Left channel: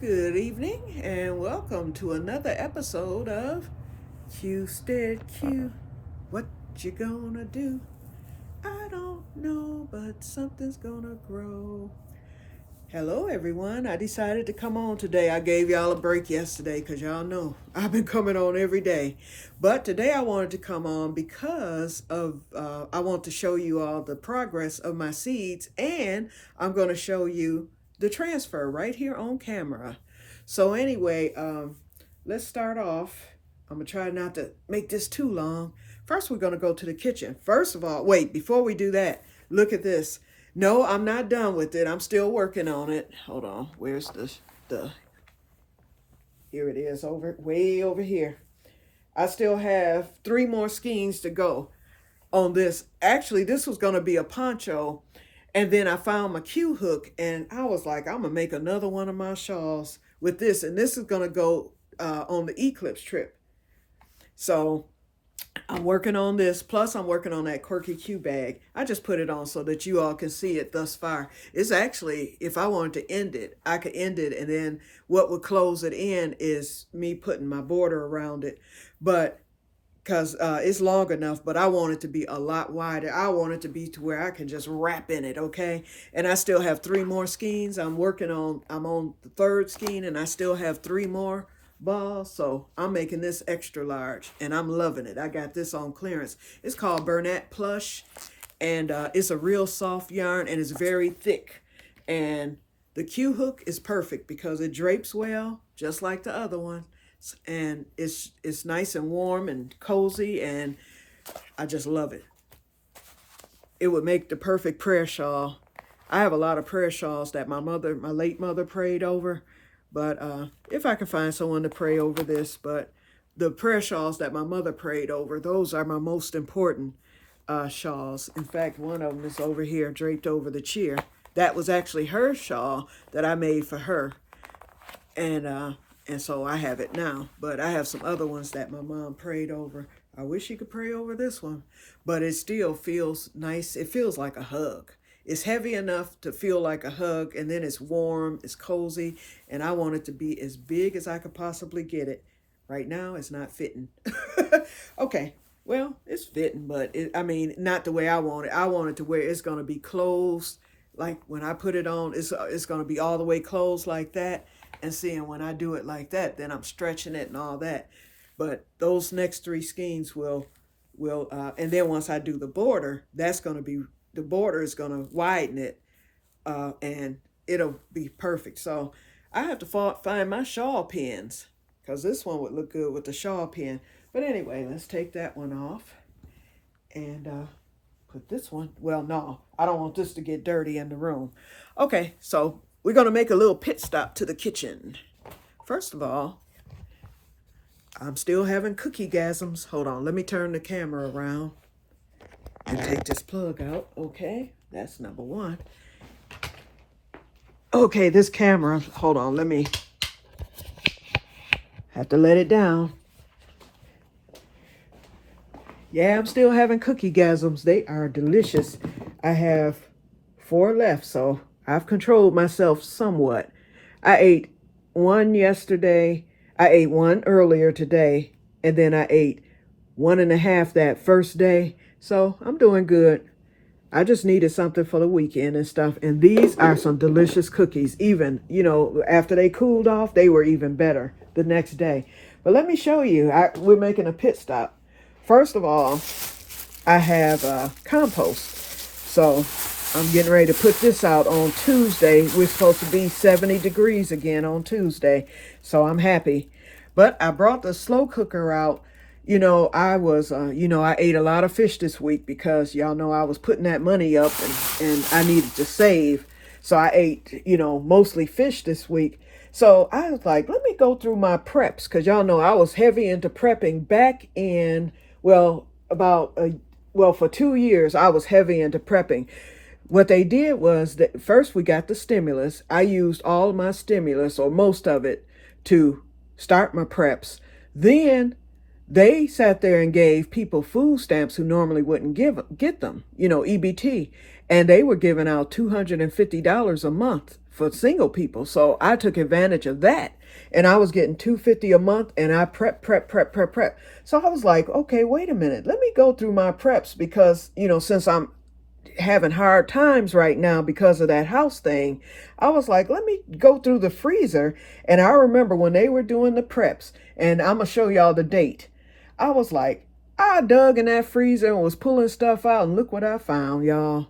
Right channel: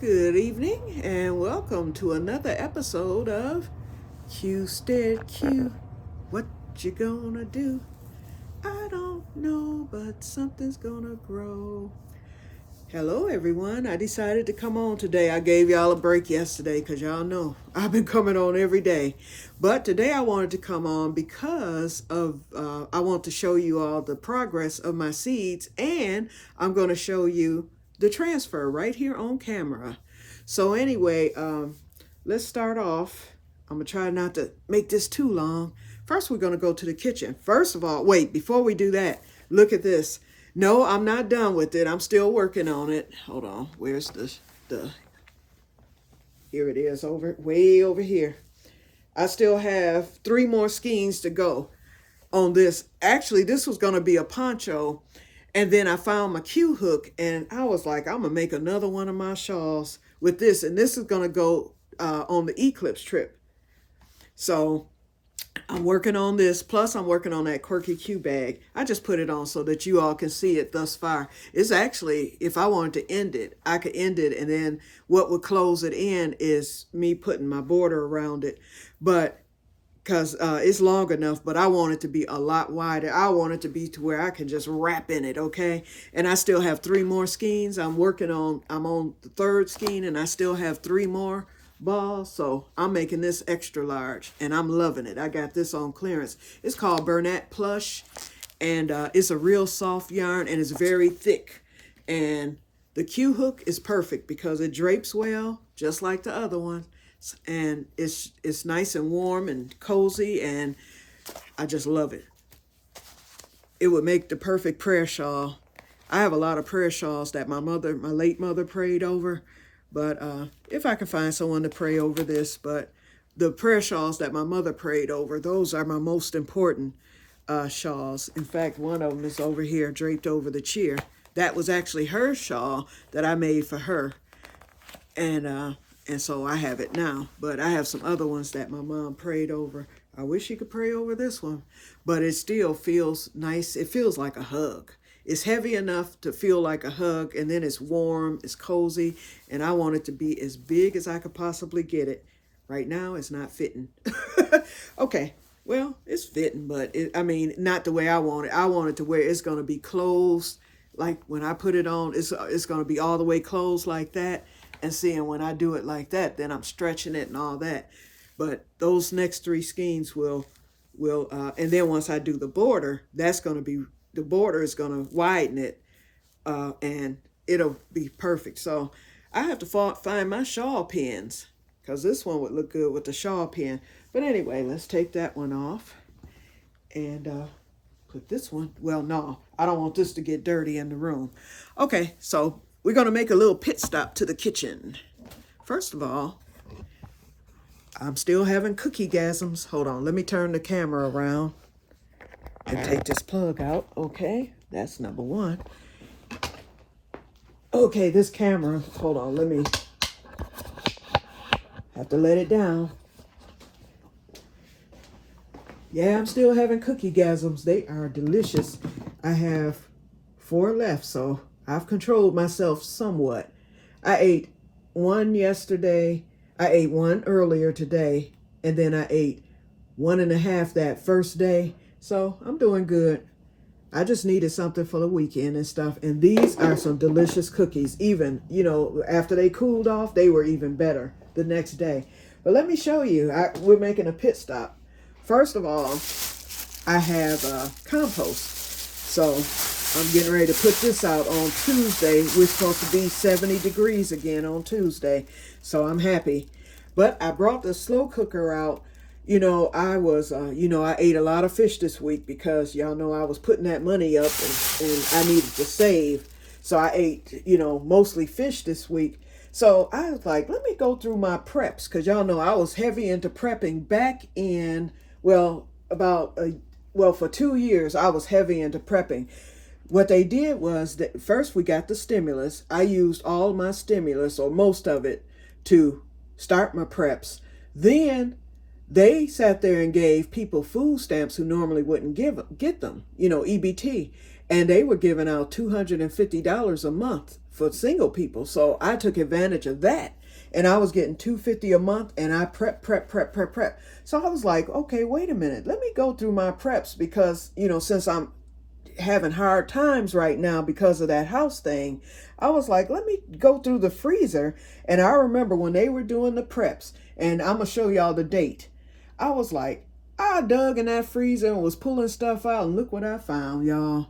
Good evening and welcome to another episode of Que-stead-Que. What you gonna do? I don't know, but something's gonna grow. Hello everyone. I decided to come on today. I gave y'all a break yesterday because y'all know I've been coming on every day. But today I wanted to come on because of I want to show you all the progress of my seeds, and I'm going to show you the transfer right here on camera. So anyway, let's start off. I'm going to try not to make this too long. First, we're going to go to the kitchen. First of all, wait, before we do that, look at this. No, I'm not done with it. I'm still working on it. Hold on. Where's the here it is, way over here. I still have 3 more skeins to go on this. Actually, this was going to be a poncho, and then I found my Q hook, and I was like, I'm gonna make another one of my shawls with this, and this is gonna go on the eclipse trip. So I'm working on this. Plus, I'm working on that quirky Q bag. I just put it on so that you all can see it thus far. It's actually, if I wanted to end it, I could end it. And then what would close it in is me putting my border around it. But because it's long enough, but I want it to be a lot wider. I want it to be to where I can just wrap in it, okay? And I still have 3 more skeins. I'm on the 3rd skein, and I still have 3 more balls. So I'm making this extra large, and I'm loving it. I got this on clearance. It's called Bernat Plush, and it's a real soft yarn, and it's very thick. And the Q hook is perfect because it drapes well, just like the other one, and it's nice and warm and cozy, and I just love it. It would make the perfect prayer shawl. I have a lot of prayer shawls that my late mother prayed over, but if I can find someone to pray over this, but the prayer shawls that my mother prayed over, those are my most important shawls. In fact, one of them is over here draped over the chair. That was actually her shawl that I made for her, and so I have it now. But I have some other ones that my mom prayed over. I wish she could pray over this one, but it still feels nice. It feels like a hug. It's heavy enough to feel like a hug, and then it's warm, it's cozy, and I want it to be as big as I could possibly get it. Right now, it's not fitting. Okay, well, it's fitting, but I mean, not the way I want it. I want it to where it's going to be closed. Like when I put it on, it's going to be all the way closed like that. And seeing when I do it like that, then I'm stretching it and all that. But those next 3 skeins will and then once I do the border, the border is going to widen it, and it'll be perfect. So I have to find my shawl pins because this one would look good with the shawl pin. But anyway, let's take that one off and put this one. Well, no, I don't want this to get dirty in the room. Okay, so we're going to make a little pit stop to the kitchen. First of all, I'm still having cookie-gasms. Hold on, let me turn the camera around and take this plug out. Okay, that's number 1. Okay, this camera, hold on, let me, have to let it down. Yeah, I'm still having cookie-gasms. They are delicious. I have 4 left, so I've controlled myself somewhat. I ate 1 yesterday. I ate 1 earlier today, and then I ate 1.5 that first day. So I'm doing good. I just needed something for the weekend and stuff. And these are some delicious cookies. Even, after they cooled off, they were even better the next day. But let me show you. We're making a pit stop. First of all, I have compost. So I'm getting ready to put this out on Tuesday. We're supposed to be 70 degrees again on Tuesday. So I'm happy. But I brought the slow cooker out. I ate a lot of fish this week because y'all know I was putting that money up, and I needed to save. So I ate, mostly fish this week. So I was like, let me go through my preps because y'all know I was heavy into prepping back in, for 2 years, I was heavy into prepping. What they did was that first we got the stimulus. I used all of my stimulus, or most of it, to start my preps. Then they sat there and gave people food stamps who normally wouldn't get them, EBT. And they were giving out $250 a month for single people. So I took advantage of that. And I was getting $250 a month, and I prep. So I was like, okay, wait a minute. Let me go through my preps because, since I'm having hard times right now because of that house thing, I was like, let me go through the freezer. And I remember when they were doing the preps, and I'm going to show y'all the date. I was like, I dug in that freezer and was pulling stuff out, and look what I found, y'all.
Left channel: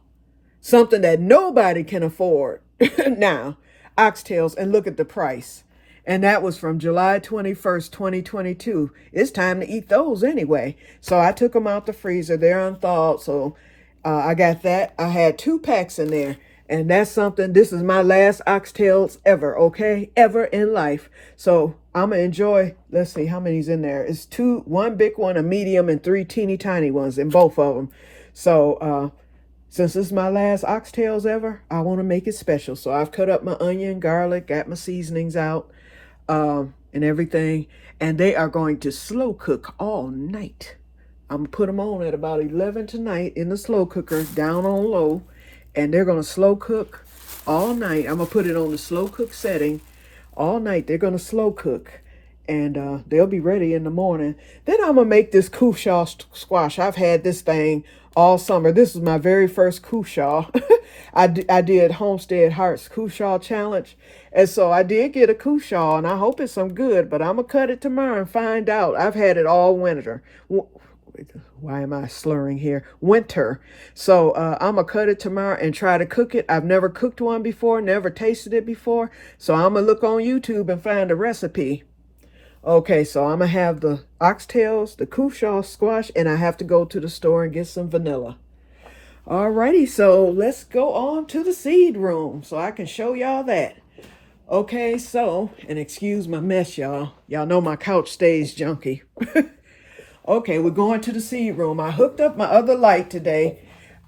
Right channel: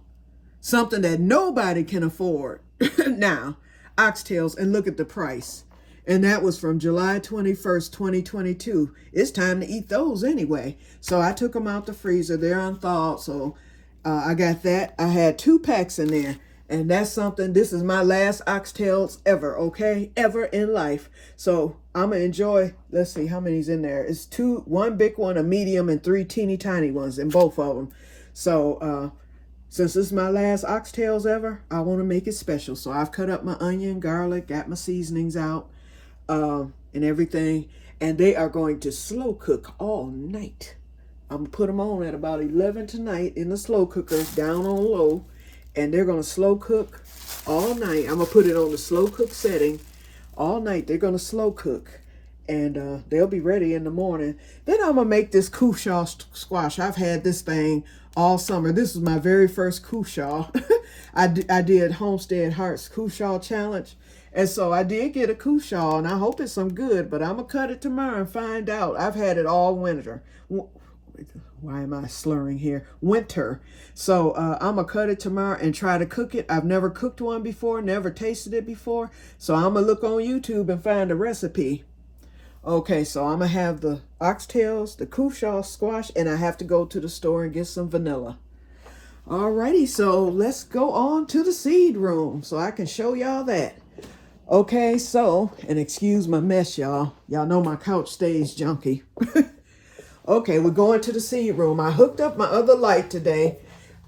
Something that nobody can afford now, oxtails, and look at the price. And that was from July 21st, 2022. It's time to eat those anyway. So I took them out the freezer. They're unthawed. So I got that. I had 2 packs in there. And that's something. This is my last oxtails ever, okay? Ever in life. So I'm going to enjoy. Let's see how many's in there. It's 2, 1 big one, a medium, and 3 teeny tiny ones in both of them. So since this is my last oxtails ever, I want to make it special. So I've cut up my onion, garlic, got my seasonings out. And everything, and they are going to slow cook all night. I'm gonna put them on at about 11 tonight in the slow cooker, down on low, and they're gonna slow cook all night. I'm gonna put it on the slow cook setting all night. They're gonna slow cook, and they'll be ready in the morning. Then I'm gonna make this cushaw squash. I've had this thing all summer. This is my very first cushaw. I did Homestead Hearts Cushaw Challenge. And so I did get a cushaw, and I hope it's some good, but I'm going to cut it tomorrow and find out. I've had it all winter. Why am I slurring here? Winter. So I'm going to cut it tomorrow and try to cook it. I've never cooked one before, never tasted it before. So I'm going to look on YouTube and find a recipe. Okay, so I'm going to have the oxtails, the cushaw squash, and I have to go to the store and get some vanilla. Alrighty, so let's go on to the seed room so I can show y'all that. Okay, so, and excuse my mess, y'all. Y'all know my couch stays junky. Okay, we're going to the seed room. I hooked up my other light today.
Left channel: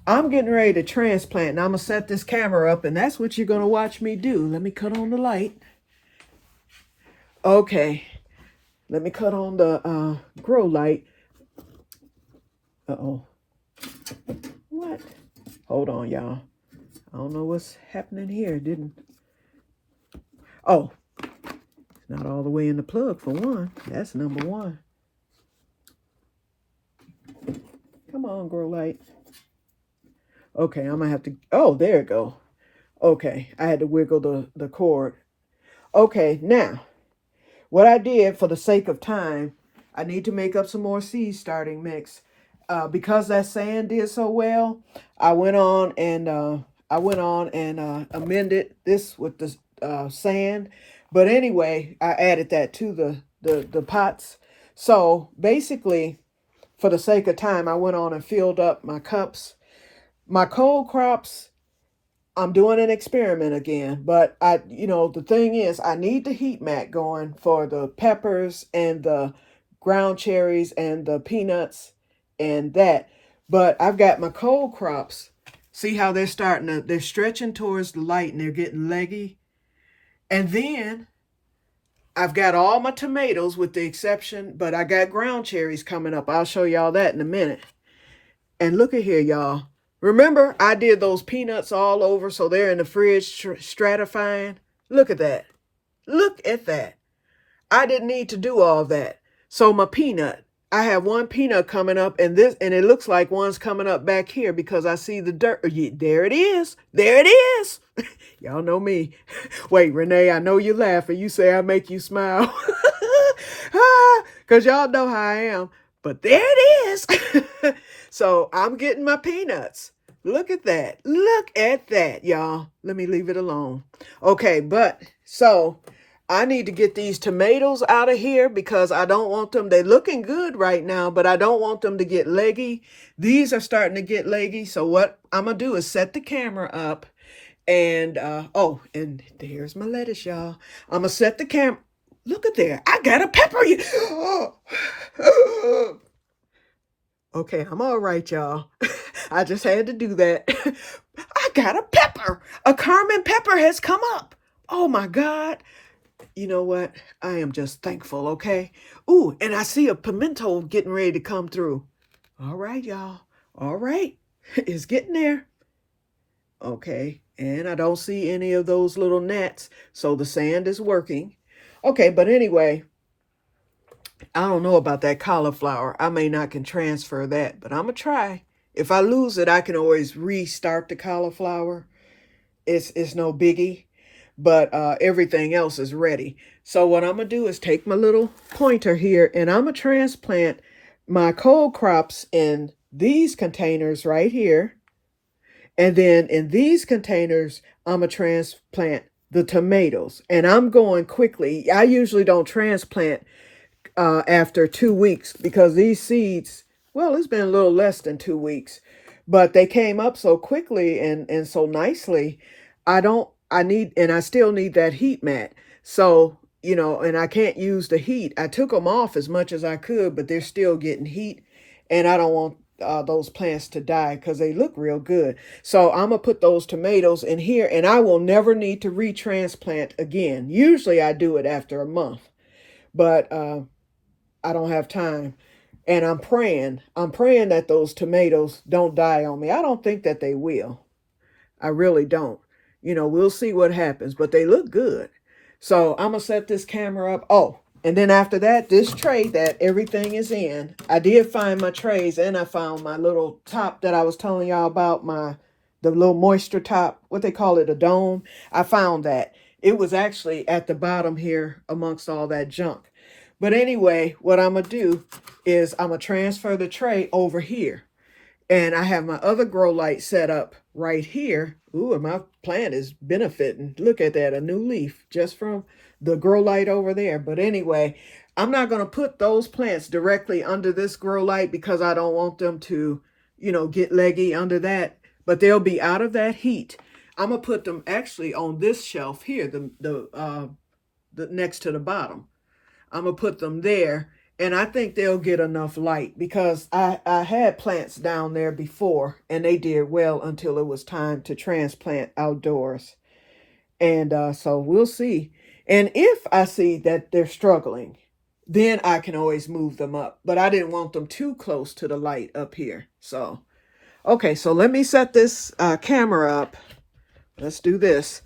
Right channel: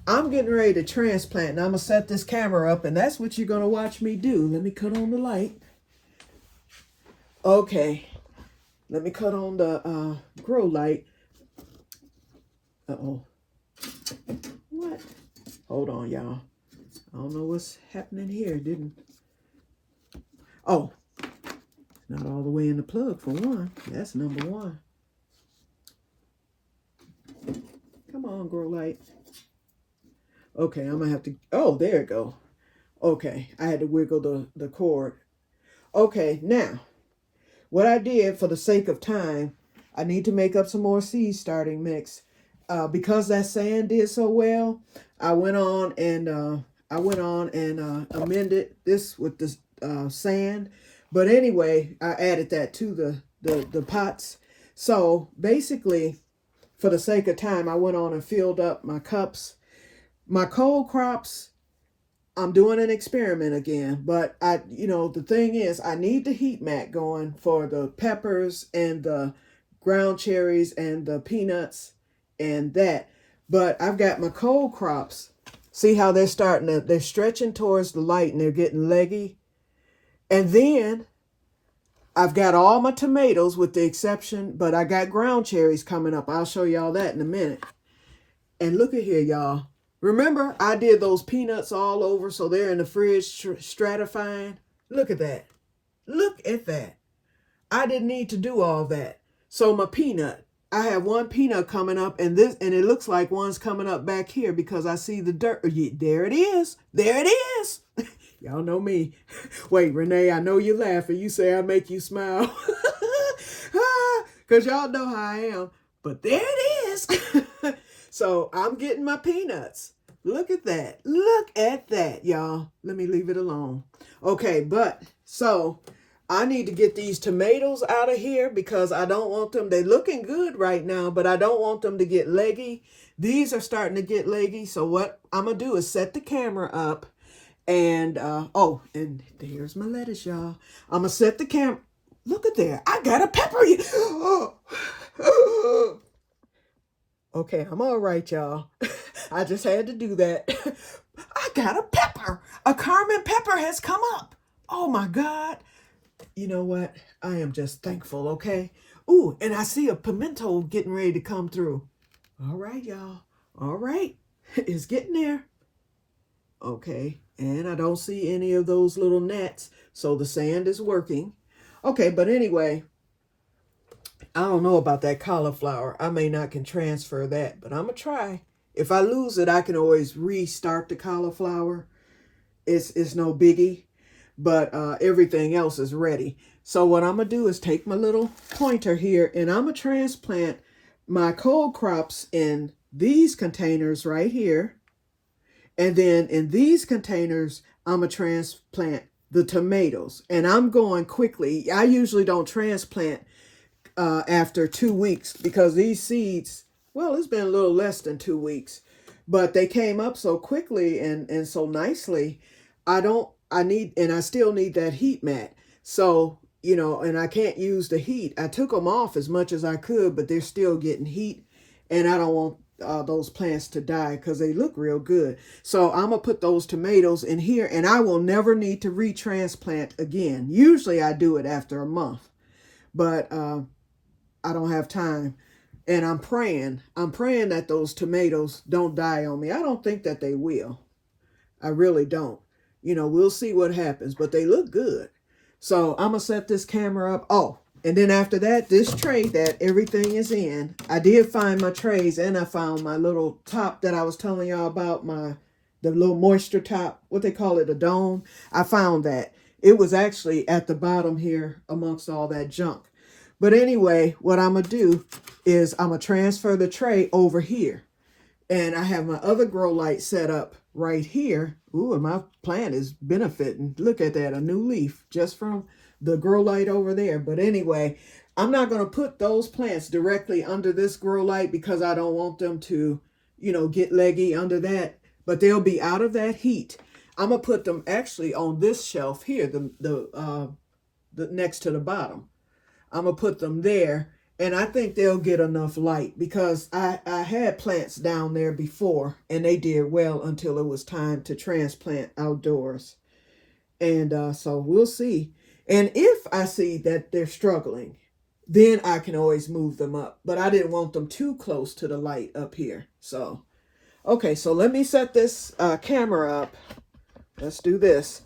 I'm getting ready to transplant, and I'm going to set this camera up, and that's what you're going to watch me do. Let me cut on the light. Okay, let me cut on the grow light. Uh-oh. What? Hold on, y'all. I don't know what's happening here. Oh, it's not all the way in the plug for one. That's number one. Come on, grow light. Okay, I'm gonna have to. Oh, there it go. Okay, I had to wiggle the cord. Okay, now what I did for the sake of time, I need to make up some more seed starting mix. Because that sand did so well, I went on and amended this with the sand. But anyway, I added that to the pots. So basically, for the sake of time, I went on and filled up my cups. My cold crops, I'm doing an experiment again. But the thing is, I need the heat mat going for the peppers and the ground cherries and the peanuts and that. But I've got my cold crops. See how they're stretching towards the light and they're getting leggy. And then I've got all my tomatoes with the exception, but I got ground cherries coming up. I'll show y'all that in a minute. And look at here, y'all. Remember, I did those peanuts all over, so they're in the fridge stratifying. Look at that. Look at that. I didn't need to do all that. So my peanut, I have one peanut coming up, and it looks like one's coming up back here because I see the dirt. There it is. There it is. Y'all know me. Wait, Renee, I know you're laughing. You say I make you smile. Because y'all know how I am. But there it is. So I'm getting my peanuts. Look at that. Look at that, y'all. Let me leave it alone. Okay, so I need to get these tomatoes out of here because I don't want them. They're looking good right now, but I don't want them to get leggy. These are starting to get leggy. So what I'm going to do is set the camera up. And, and here's my lettuce, y'all. I'm going to set the camera. Look at there. I got a pepper. Okay, I'm all right, y'all. I just had to do that. I got a pepper. A Carmen pepper has come up. Oh, my God. You know what? I am just thankful, okay? Ooh, and I see a pimento getting ready to come through. All right, y'all. All right. It's getting there. Okay, and I don't see any of those little gnats, so the sand is working. Okay, but anyway, I don't know about that cauliflower. I may not can transfer that, but I'm gonna try. If I lose it, I can always restart the cauliflower. It's no biggie, but everything else is ready. So what I'm gonna do is take my little pointer here, and I'm gonna transplant my cold crops in these containers right here. And then in these containers, I'm going to transplant the tomatoes. And I'm going quickly. I usually don't transplant after 2 weeks because these seeds, well, it's been a little less than 2 weeks, but they came up so quickly and so nicely. I still need that heat mat. So, and I can't use the heat. I took them off as much as I could, but they're still getting heat. And I don't want those plants to die because they look real good. So I'm going to put those tomatoes in here, and I will never need to retransplant again. Usually I do it after a month, but I don't have time. And I'm praying that those tomatoes don't die on me. I don't think that they will. I really don't. We'll see what happens, but they look good. So I'm going to set this camera up. Oh, and then after that, this tray that everything is in, I did find my trays, and I found my little top that I was telling y'all about, the little moisture top, what they call it, a dome. I found that. It was actually at the bottom here amongst all that junk. But anyway, what I'm going to do is I'm going to transfer the tray over here. And I have my other grow light set up right here. Ooh, and my plant is benefiting. Look at that, a new leaf just from the grow light over there. But anyway, I'm not going to put those plants directly under this grow light because I don't want them to, get leggy under that. But they'll be out of that heat. I'm going to put them actually on this shelf here, the next to the bottom. I'm going to put them there. And I think they'll get enough light because I had plants down there before and they did well until it was time to transplant outdoors. And so we'll see. And if I see that they're struggling, then I can always move them up. But I didn't want them too close to the light up here. So, okay, so let me set this camera up. Let's do this.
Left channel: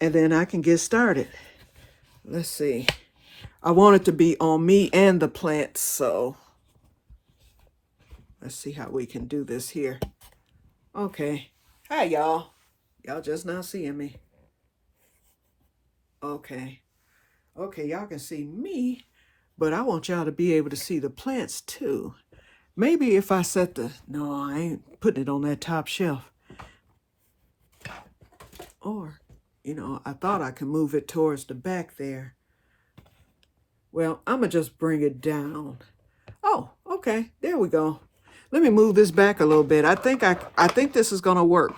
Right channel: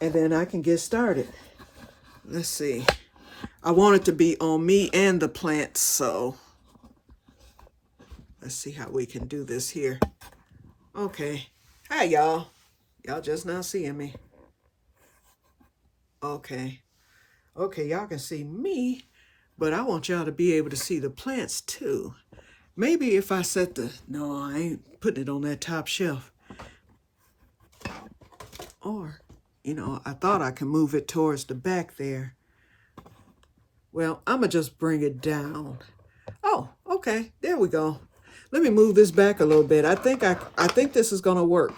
And then I can get started. Let's see. I want it to be on me and the plants, so let's see how we can do this here. Okay. Hi, y'all. Y'all just not seeing me. Okay. Okay, y'all can see me, but I want y'all to be able to see the plants too. Maybe if I no, I ain't putting it on that top shelf. Or, I thought I could move it towards the back there. Well, I'm going to just bring it down. Oh, okay. There we go. Let me move this back a little bit. I think this is going to work.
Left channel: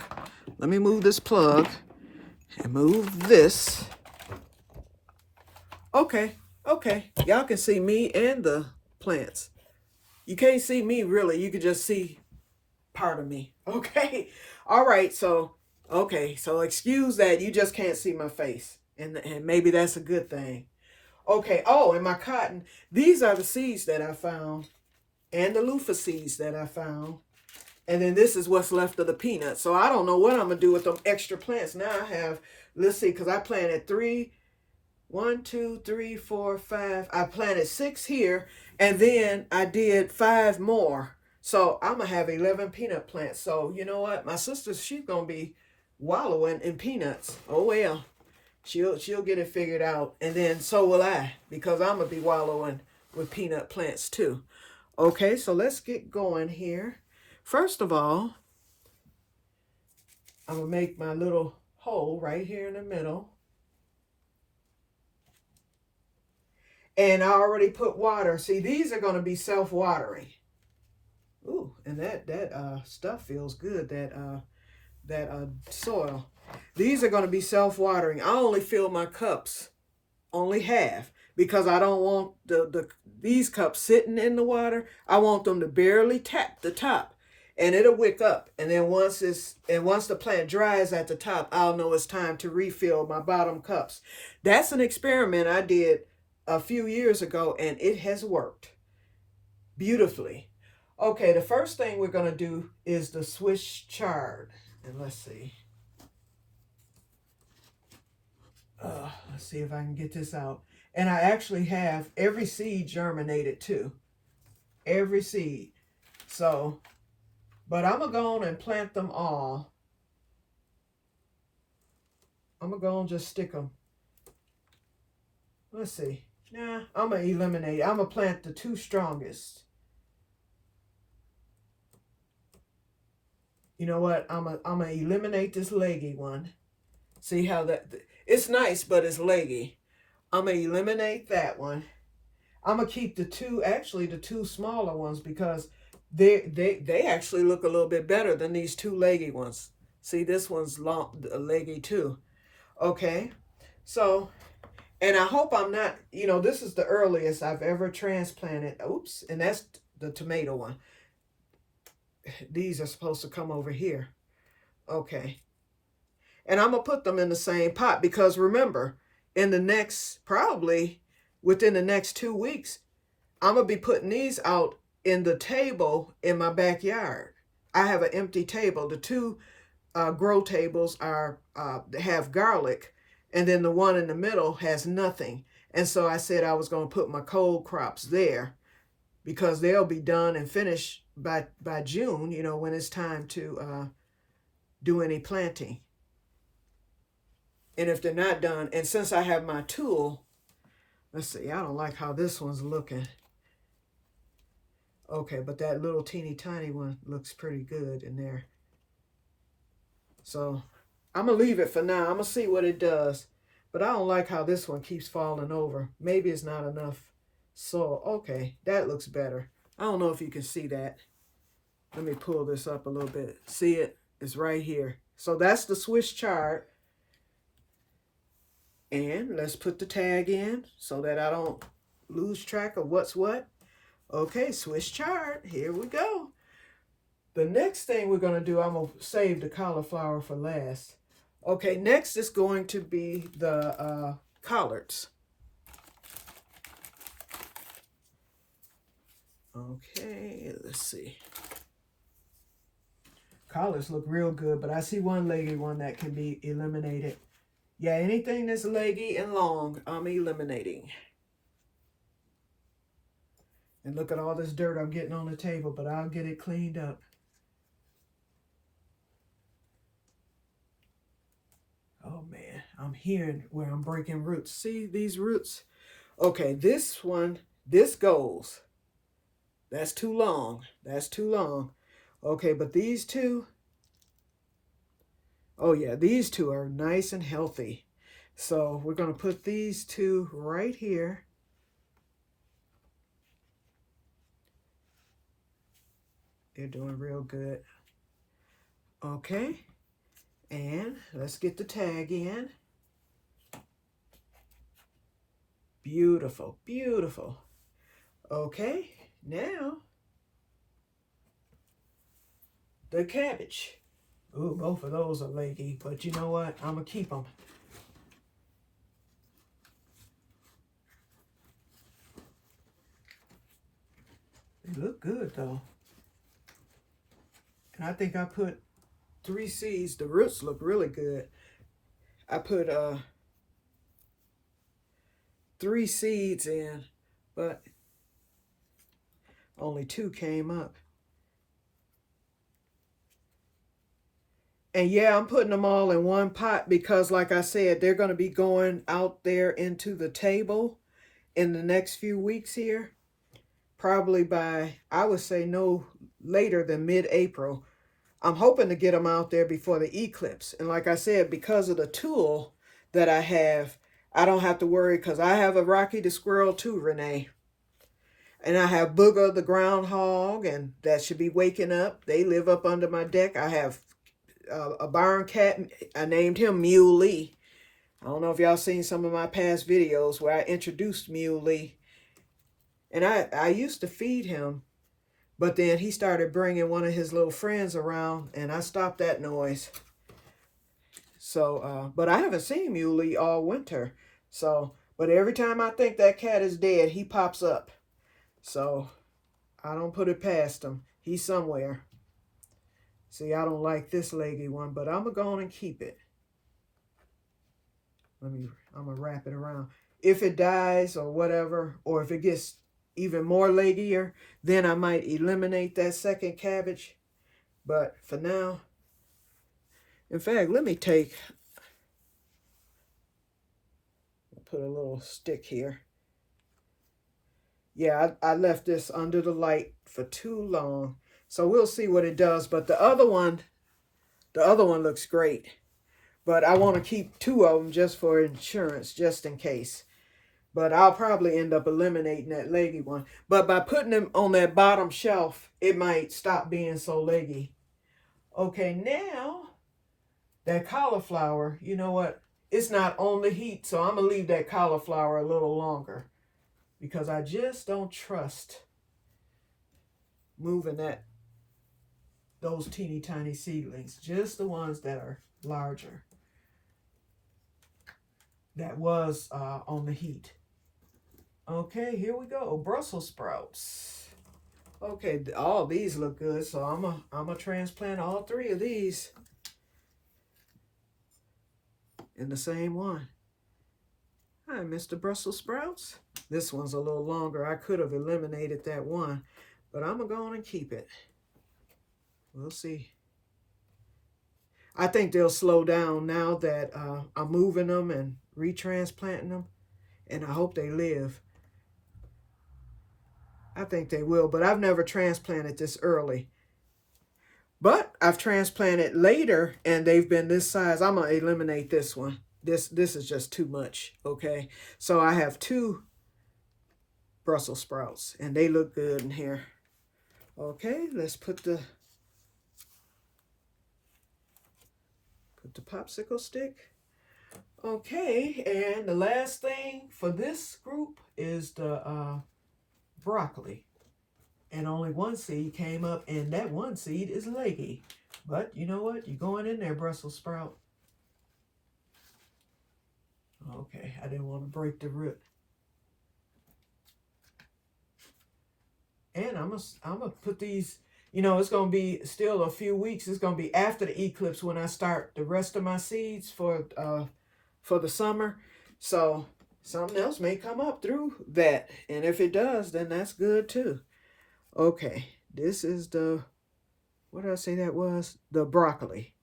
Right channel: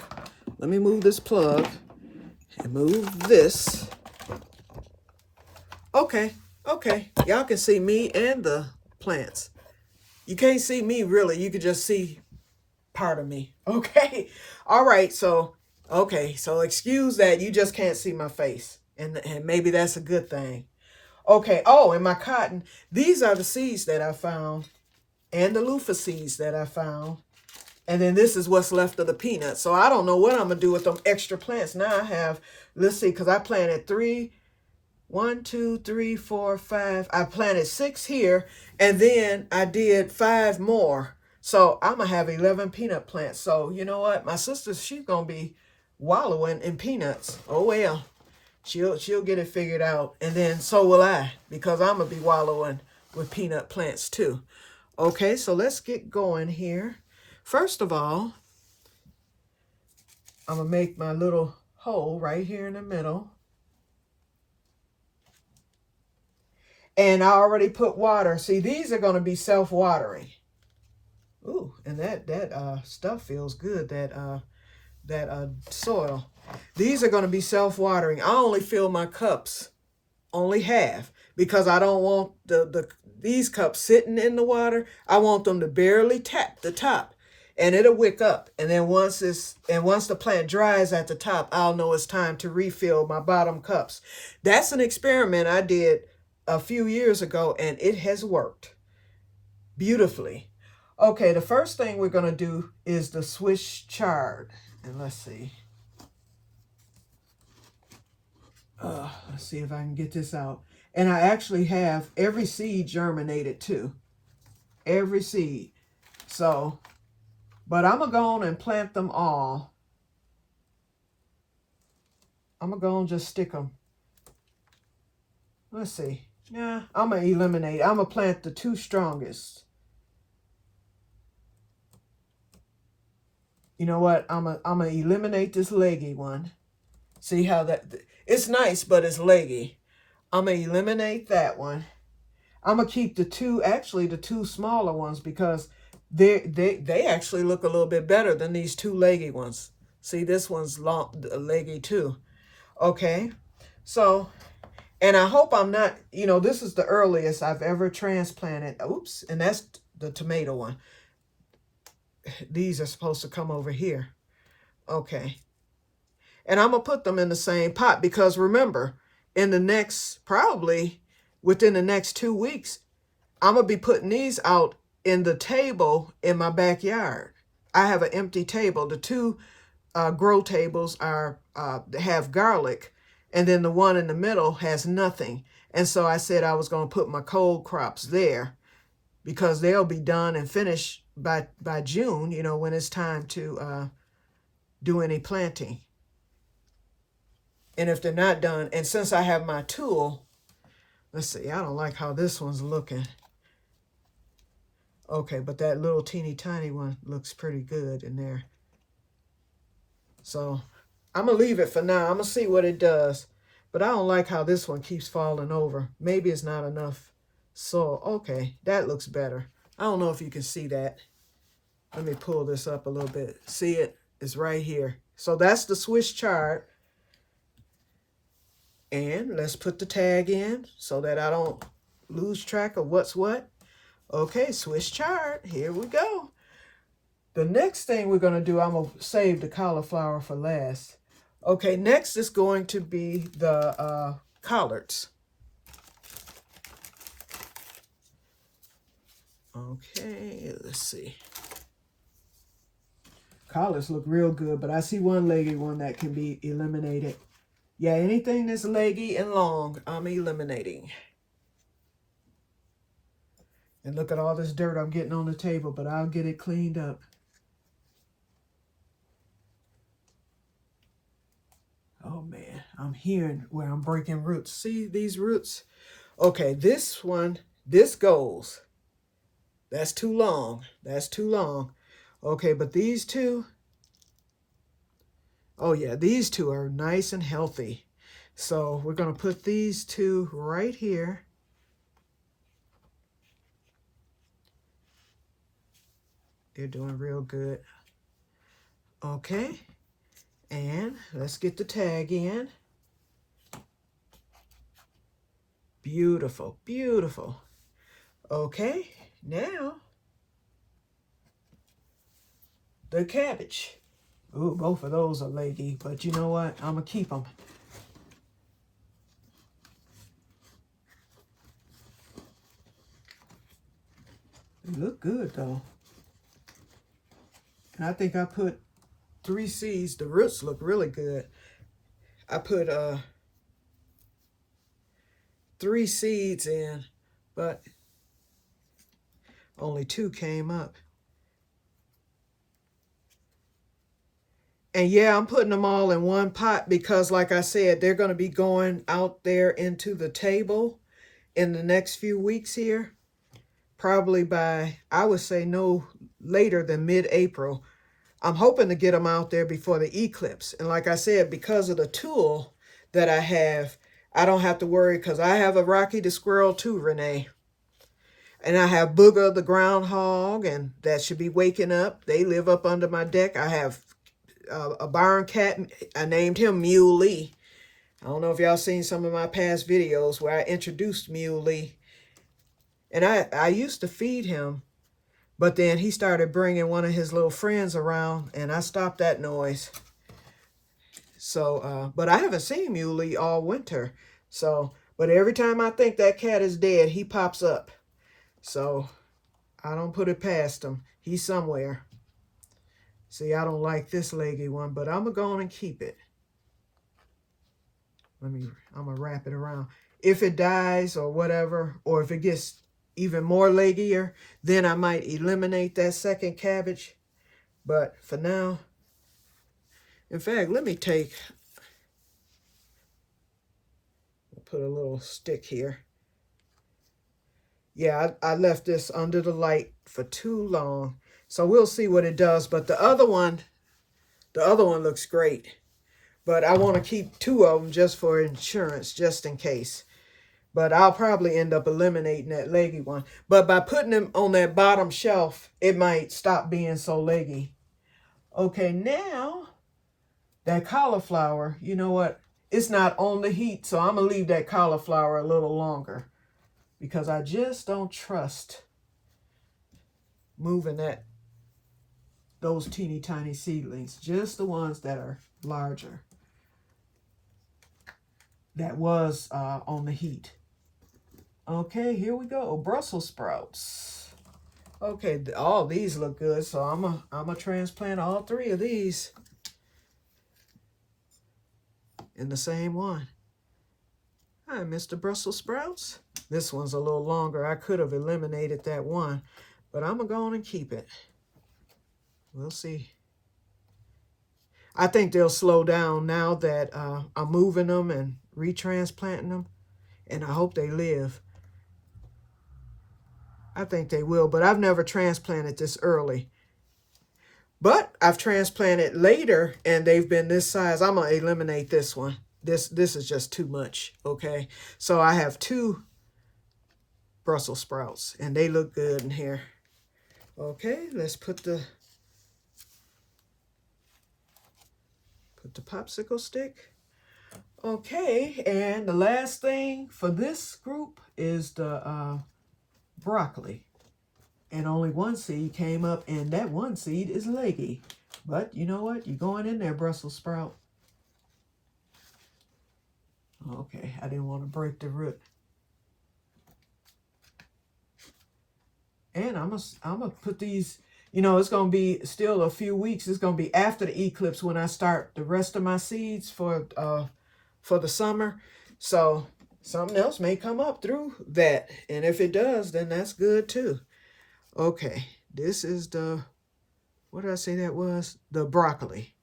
Let me move this plug and move this. Okay. Okay. Y'all can see me and the plants. You can't see me really. You can just see part of me. Okay. All right. So, okay. So excuse that. You just can't see my face. And maybe that's a good thing. Okay, oh, and my cotton. These are the seeds that I found and the loofah seeds that I found. And then this is what's left of the peanuts. So I don't know what I'm going to do with them extra plants. Now I have, let's see, because I planted 1, 2, 3, 4, 5. I planted 6 here, and then I did 5 more. So I'm going to have 11 peanut plants. So you know what? My sister, she's going to be wallowing in peanuts. Oh, well. She'll get it figured out, and then so will I, because I'm going to be wallowing with peanut plants too. Okay, so let's get going here. First of all, I'm going to make my little hole right here in the middle. And I already put water. See, these are going to be self-watering. Ooh, and that stuff feels good, that soil. These are going to be self-watering. I only fill my cups only half because I don't want these cups sitting in the water. I want them to barely tap the top and it'll wick up. And then once the plant dries at the top, I'll know it's time to refill my bottom cups. That's an experiment I did a few years ago and it has worked beautifully. Okay, the first thing we're going to do is the Swiss chard. And let's see. Let's see if I can get this out. And I actually have every seed germinated too. Every seed. So, but I'm going to go on and plant them all. I'm going to go and just stick them. Let's see. Yeah, I'm going to eliminate. I'm going to plant the 2 strongest. You know what? I'm going to eliminate this leggy one. See how that, it's nice, but it's leggy. I'm going to eliminate that one. I'm going to keep the 2, actually the 2 smaller ones, because they actually look a little bit better than these 2 leggy ones. See, this one's long, leggy too. Okay. So, and I hope I'm not, you know, this is the earliest I've ever transplanted. Oops. And that's the tomato one. These are supposed to come over here. Okay. And I'm going to put them in the same pot because remember, in the next, probably within the next 2 weeks, I'm going to be putting these out in the table in my backyard. I have an empty table. The 2 grow tables are have garlic, and then the one in the middle has nothing. And so I said I was going to put my cold crops there because they'll be done and finished by June, you know, when it's time to do any planting. And if they're not done, and since I have my tool, let's see, I don't like how this one's looking. Okay, but that little teeny tiny one looks pretty good in there. So I'm going to leave it for now. I'm going to see what it does. But I don't like how this one keeps falling over. Maybe it's not enough soil. Okay, that looks better. I don't know if you can see that. Let me pull this up a little bit. See it? It's right here. So that's the Swiss chard. And let's put the tag in so that I don't lose track of what's what. Okay, Swiss chard. Here we go. The next thing we're going to do, I'm going to save the cauliflower for last. Okay, next is going to be the collards. Okay, let's see. Collards look real good, but I see one leggy one that can be eliminated. Yeah, anything that's leggy and long, I'm eliminating. And look at all this dirt I'm getting on the table, but I'll get it cleaned up. Oh man, I'm hearing where I'm breaking roots. See these roots? Okay, this one, this goes. That's too long. That's too long. Okay, but these 2, oh yeah, these 2 are nice and healthy. So we're going to put these 2 right here. They're doing real good. Okay, and let's get the tag in. Beautiful, beautiful. Okay, now the cabbage. Ooh, both of those are leggy, but you know what? I'm going to keep them. They look good, though. And I think I put 3 seeds. The roots look really good. I put 3 seeds in, but only 2 came up. And yeah, I'm putting them all in one pot because, like I said, they're going to be going out there into the table in the next few weeks here. Probably by, I would say, no later than mid-April. I'm hoping to get them out there before the eclipse. And like I said, because of the tool that I have, I don't have to worry because I have a Rocky the squirrel too, Renee. And I have Booger the groundhog, and that should be waking up. They live up under my deck. I have a barn cat. I named him Muley. I don't know if y'all seen some of my past videos where I introduced Muley. And I used to feed him, but then he started bringing one of his little friends around, and I stopped that noise. So, but I haven't seen Muley all winter. So, but every time I think that cat is dead, he pops up. So, I don't put it past him. He's somewhere. See, I don't like this leggy one, but I'm going to go on and keep it. I'm gonna wrap it around. If it dies or whatever, or if it gets even more leggier, then I might eliminate that second cabbage. But for now, in fact, let me put a little stick here. Yeah, I left this under the light for too long. So we'll see what it does. But the other one looks great. But I want to keep two of them just for insurance, just in case. But I'll probably end up eliminating that leggy one. But by putting them on that bottom shelf, it might stop being so leggy. Okay, now that cauliflower, you know what? It's not on the heat, so I'm going to leave that cauliflower a little longer because I just don't trust moving those teeny tiny seedlings, just the ones that are larger. That was on the heat. Okay, here we go. Brussels sprouts. Okay, all these look good, so I'm a transplant all three of these in the same one. Hi, Mr. Brussels sprouts. This one's a little longer. I could have eliminated that one, but I'm going to go on and keep it. We'll see. I think they'll slow down now that I'm moving them and retransplanting them, and I hope they live. I think they will, but I've never transplanted this early. But I've transplanted later, and they've been this size. I'm going to eliminate this one. This is just too much, okay? So I have two Brussels sprouts, and they look good in here. Okay, let's put the popsicle stick. Okay, and the last thing for this group is the broccoli. And only one seed came up, and that one seed is leggy. But you know what? You're going in there, Brussels sprout. Okay, I didn't want to break the root. And I'm gonna put these, you know, it's going to be still a few weeks. It's going to be after the eclipse when I start the rest of my seeds for the summer. So something else may come up through that. And if it does, then that's good too. Okay, this is what did I say that was? The broccoli.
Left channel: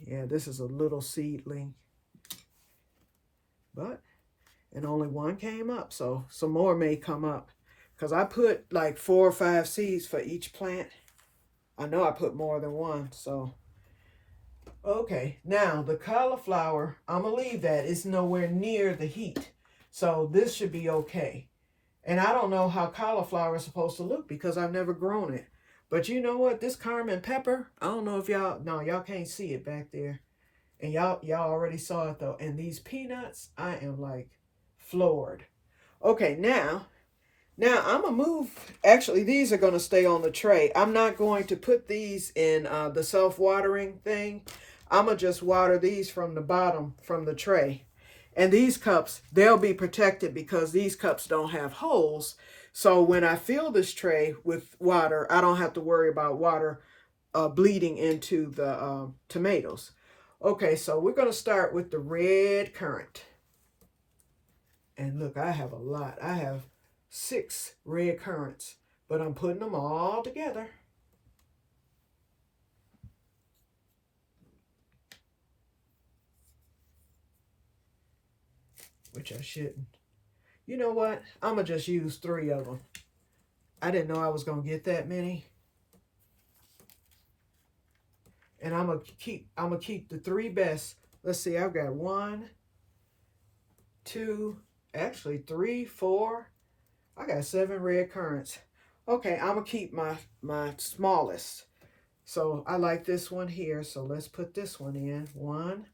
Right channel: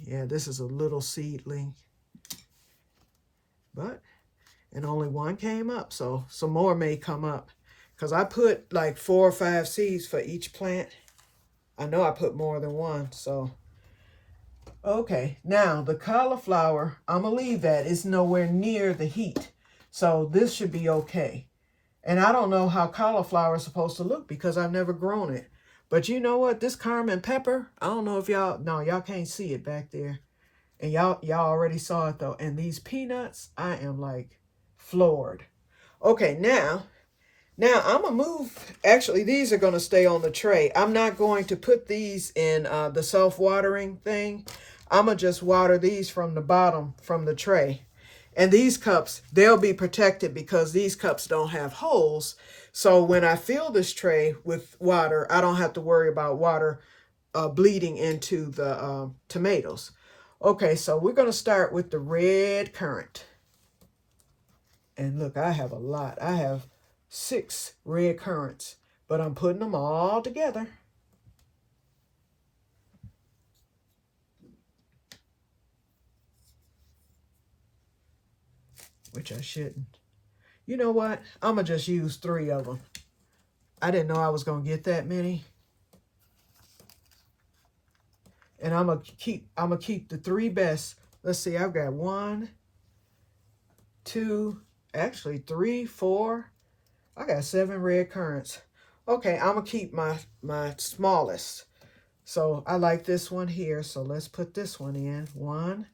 Yeah, this is a little seedling. And only one came up, so some more may come up. Because I put like 4 or 5 seeds for each plant. I know I put more than one, so. Okay, now the cauliflower, I'm going to leave that. It's nowhere near the heat. So this should be okay. And I don't know how cauliflower is supposed to look because I've never grown it. But you know what? This Carmen pepper, I don't know if y'all can't see it back there. And y'all already saw it though. And these peanuts, I am like floored. Okay, now I'm going to move. Actually, these are going to stay on the tray. I'm not going to put these in the self-watering thing. I'm going to just water these from the bottom, from the tray. And these cups, they'll be protected because these cups don't have holes. So when I fill this tray with water, I don't have to worry about water bleeding into the tomatoes. Okay, so we're going to start with the red currant. And look, I have a lot. I have 6 red currants, but I'm putting them all together. Which I shouldn't. You know what? I'm going to just use 3 of them. I didn't know I was going to get that many. And I'm going to keep the 3 best. Let's see, I've got 1, 2, actually 3, 4. I got 7 red currants. Okay, I'm going to keep my smallest. So I like this one here. So let's put this one in. 1.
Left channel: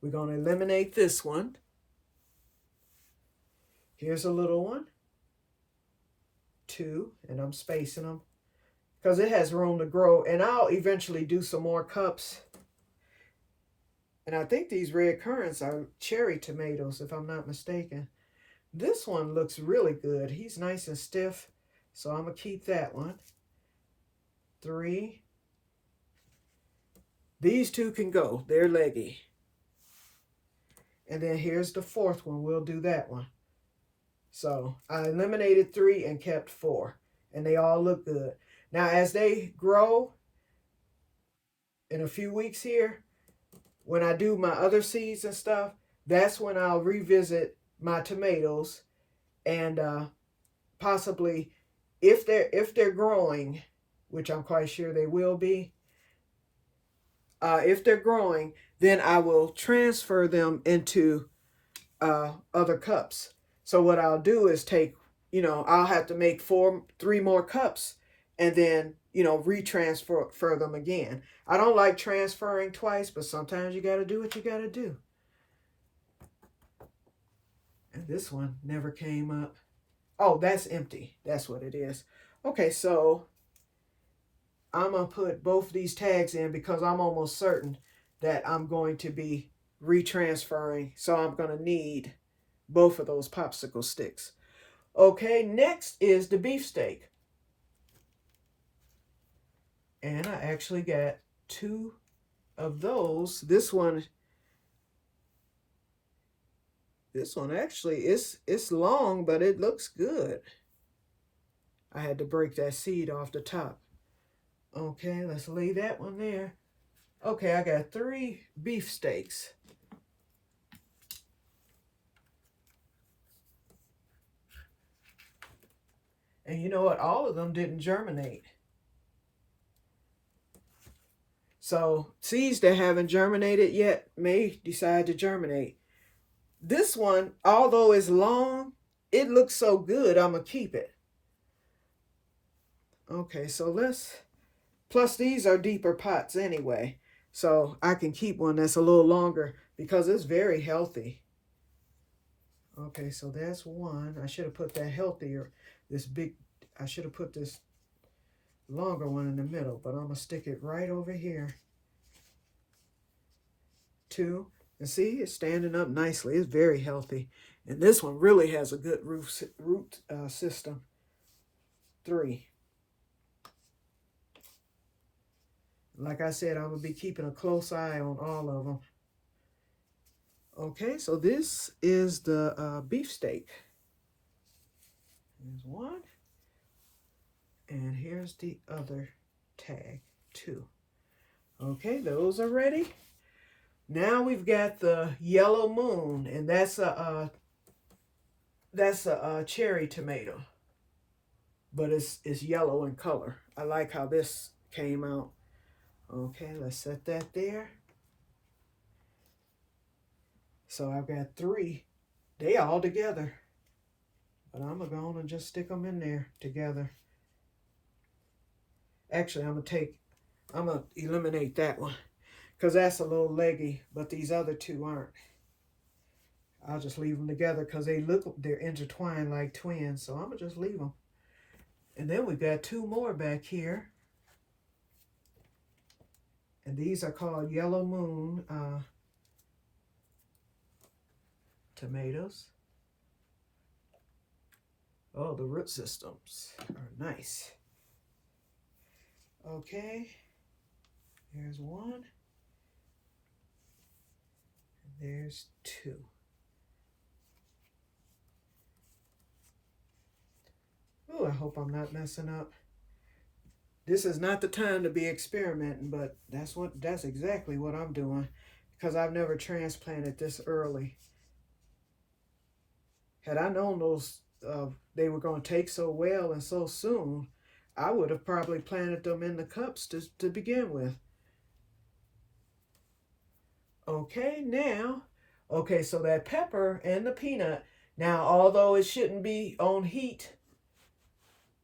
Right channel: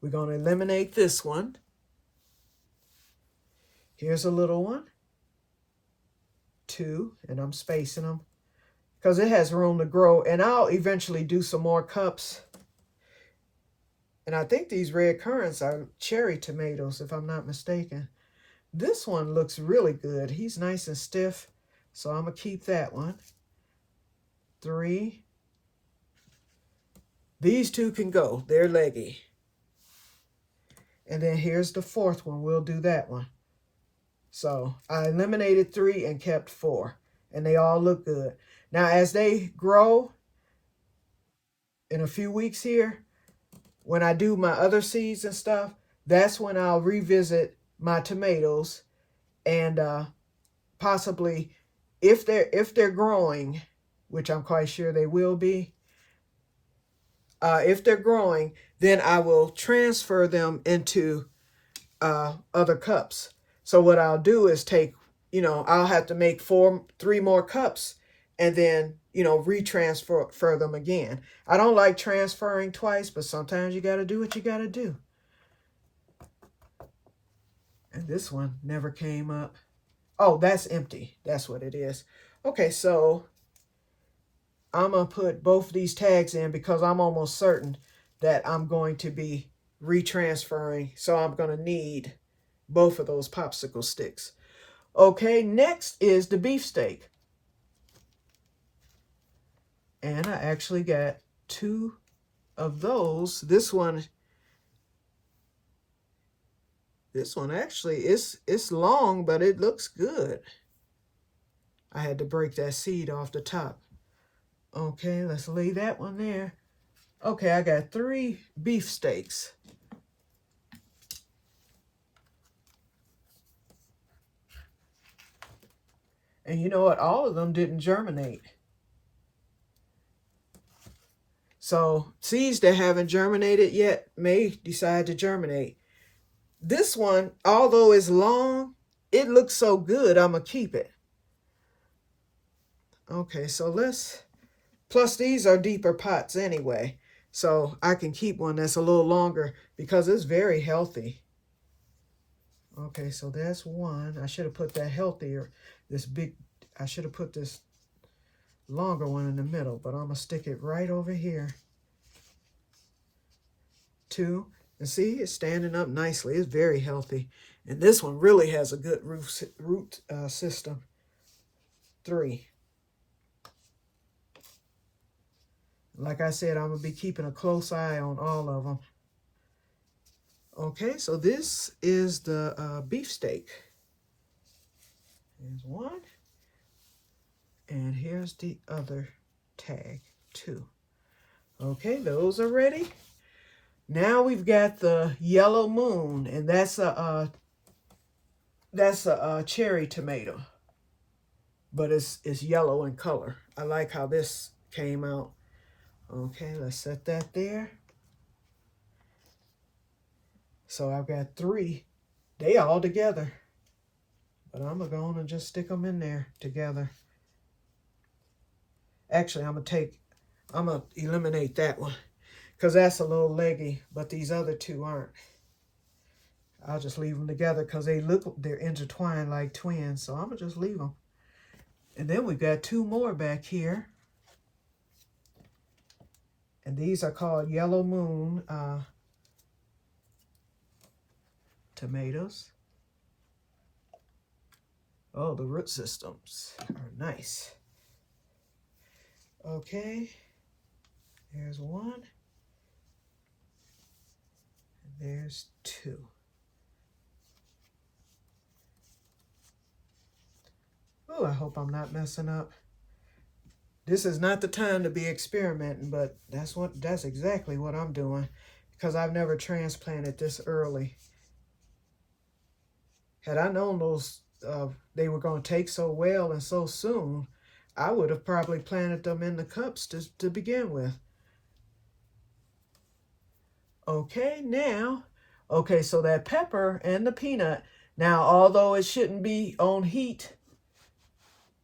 We're going to eliminate this one. Here's a little one. 2, and I'm spacing them because it has room to grow. And I'll eventually do some more cups. And I think these red currants are cherry tomatoes, if I'm not mistaken. This one looks really good. He's nice and stiff, so I'm going to keep that one. 3. These 2 can go. They're leggy. And then here's the fourth one. We'll do that one. So I eliminated 3 and kept 4. And they all look good. Now, as they grow in a few weeks here, when I do my other seeds and stuff, that's when I'll revisit my tomatoes and possibly, if they're growing, which I'm quite sure they will be, if they're growing, then I will transfer them into other cups. So what I'll do is take, I'll have to make 3 more cups and then, retransfer them again. I don't like transferring twice, but sometimes you got to do what you got to do. And this one never came up. Oh, that's empty. That's what it is. Okay, so I'm going to put both these tags in because I'm almost certain that I'm going to be retransferring. So I'm going to need both of those popsicle sticks. Okay, next is the beefsteak. And I actually got 2 of those. This one actually it's long, but it looks good. I had to break that seed off the top. Okay, let's lay that one there. Okay, I got 3 beefsteaks. And you know what? All of them didn't germinate. So seeds that haven't germinated yet may decide to germinate. This one, although it's long, it looks so good, I'm going to keep it. Okay, so plus these are deeper pots anyway. So I can keep one that's a little longer because it's very healthy. Okay, so that's one. I should have put that healthier, I should have put this longer one in the middle, but I'm going to stick it right over here. 2. And see, it's standing up nicely. It's very healthy. And this one really has a good root system. 3. Like I said, I'm going to be keeping a close eye on all of them. Okay, so this is the beefsteak. Here's one. And here's the other tag, 2. Okay, those are ready. Now we've got the yellow moon, and that's a cherry tomato, but it's yellow in color. I like how this came out. Okay, let's set that there. So I've got 3. They all together, but I'm gonna go on and just stick them in there together. Actually, I'm gonna eliminate that one because that's a little leggy, but these other 2 aren't. I'll just leave them together because they're intertwined like twins, so I'm gonna just leave them. And then we've got 2 more back here. And these are called Yellow Moon tomatoes. Oh, the root systems are nice. Okay, there's 1. And there's 2. Oh, I hope I'm not messing up. This is not the time to be experimenting, but that's exactly what I'm doing because I've never transplanted this early. Had I known they were going to take so well and so soon, I would have probably planted them in the cups to begin with. Okay, so that pepper and the peanut. Now, although it shouldn't be on heat,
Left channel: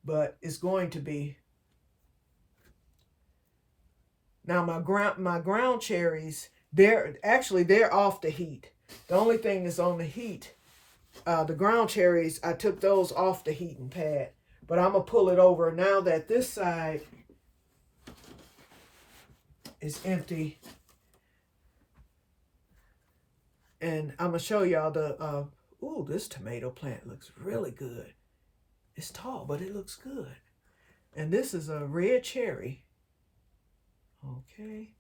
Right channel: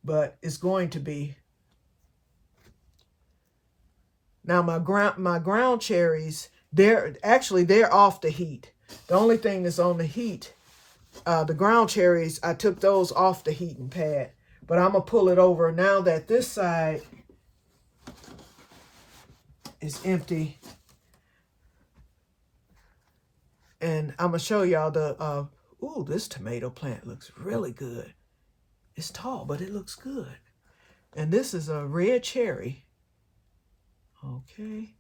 but it's going to be. Now my ground cherries, they're off the heat. The only thing that's on the heat, the ground cherries, I took those off the heating pad. But I'm going to pull it over now that this side is empty. And I'm going to show y'all this tomato plant looks really good. It's tall, but it looks good. And this is a red cherry. Okay.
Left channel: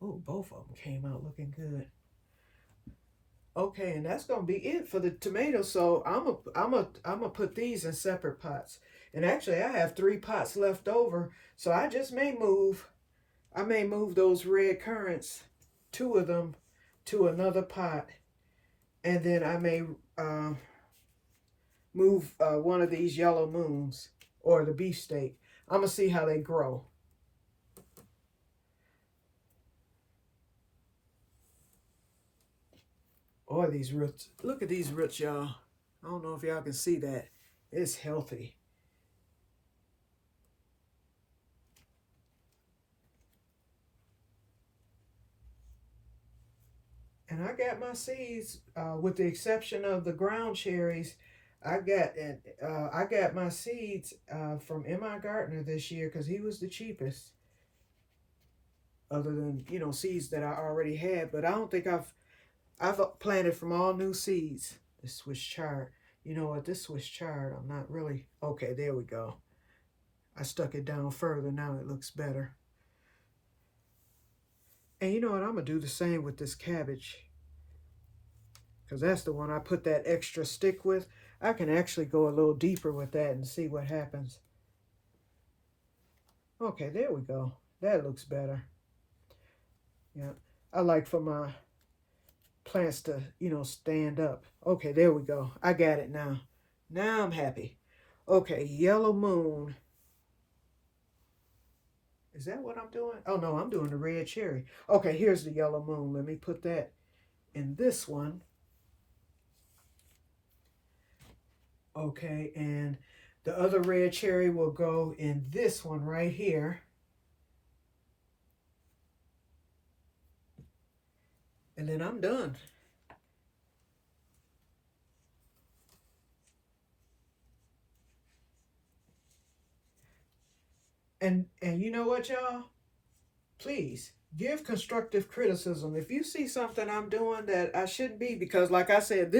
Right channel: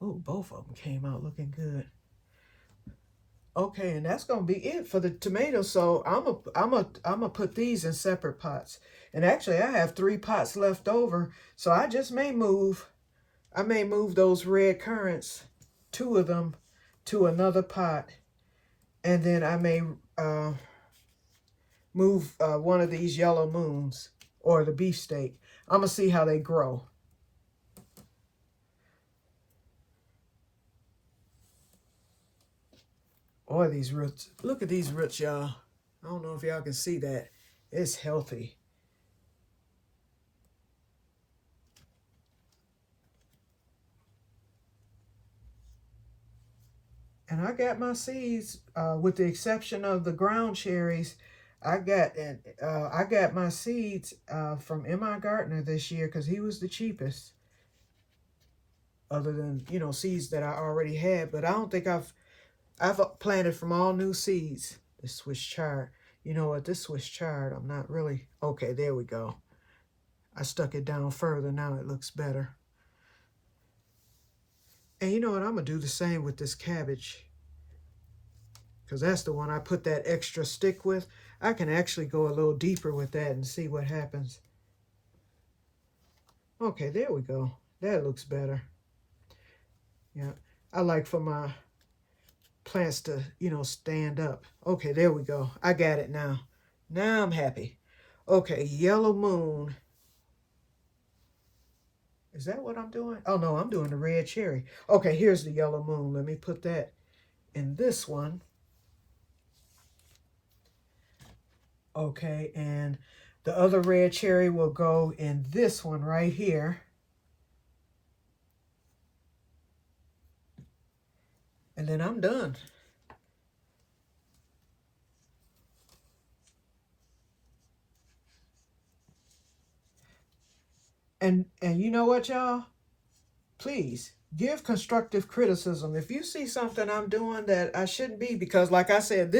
Oh, both of them came out looking good. Okay, and that's gonna be it for the tomatoes. So I'm a put these in separate pots. And actually, I have 3 pots left over, so I may move those red currants, 2 of them, to another pot, and then I may move one of these yellow moons or the beefsteak. I'm gonna see how they grow. Or these roots. Look at these roots, y'all. I don't know if y'all can see that. It's healthy. And I got my seeds, with the exception of the ground cherries. I got my seeds from M.I. Gardner this year because he was the cheapest, other than seeds that I already had. But I don't think I've planted from all new seeds. This Swiss chard. You know what? This Swiss chard, I'm not really okay. There we go. I stuck it down further. Now it looks better. And you know what? I'm gonna do the same with this cabbage, because that's the one I put that extra stick with. I can actually go a little deeper with that and see what happens. Okay, there we go. That looks better. Yeah, I like for my plants to, stand up. Okay, there we go. I got it now. Now I'm happy. Okay, yellow moon. Is that what I'm doing? Oh, no, I'm doing the red cherry. Okay, here's the yellow moon. Let me put that in this one. Okay, and the other red cherry will go in this one right here. And then I'm done. And you know what, y'all? Please give constructive criticism. If you see something I'm doing that I shouldn't be, because like I said,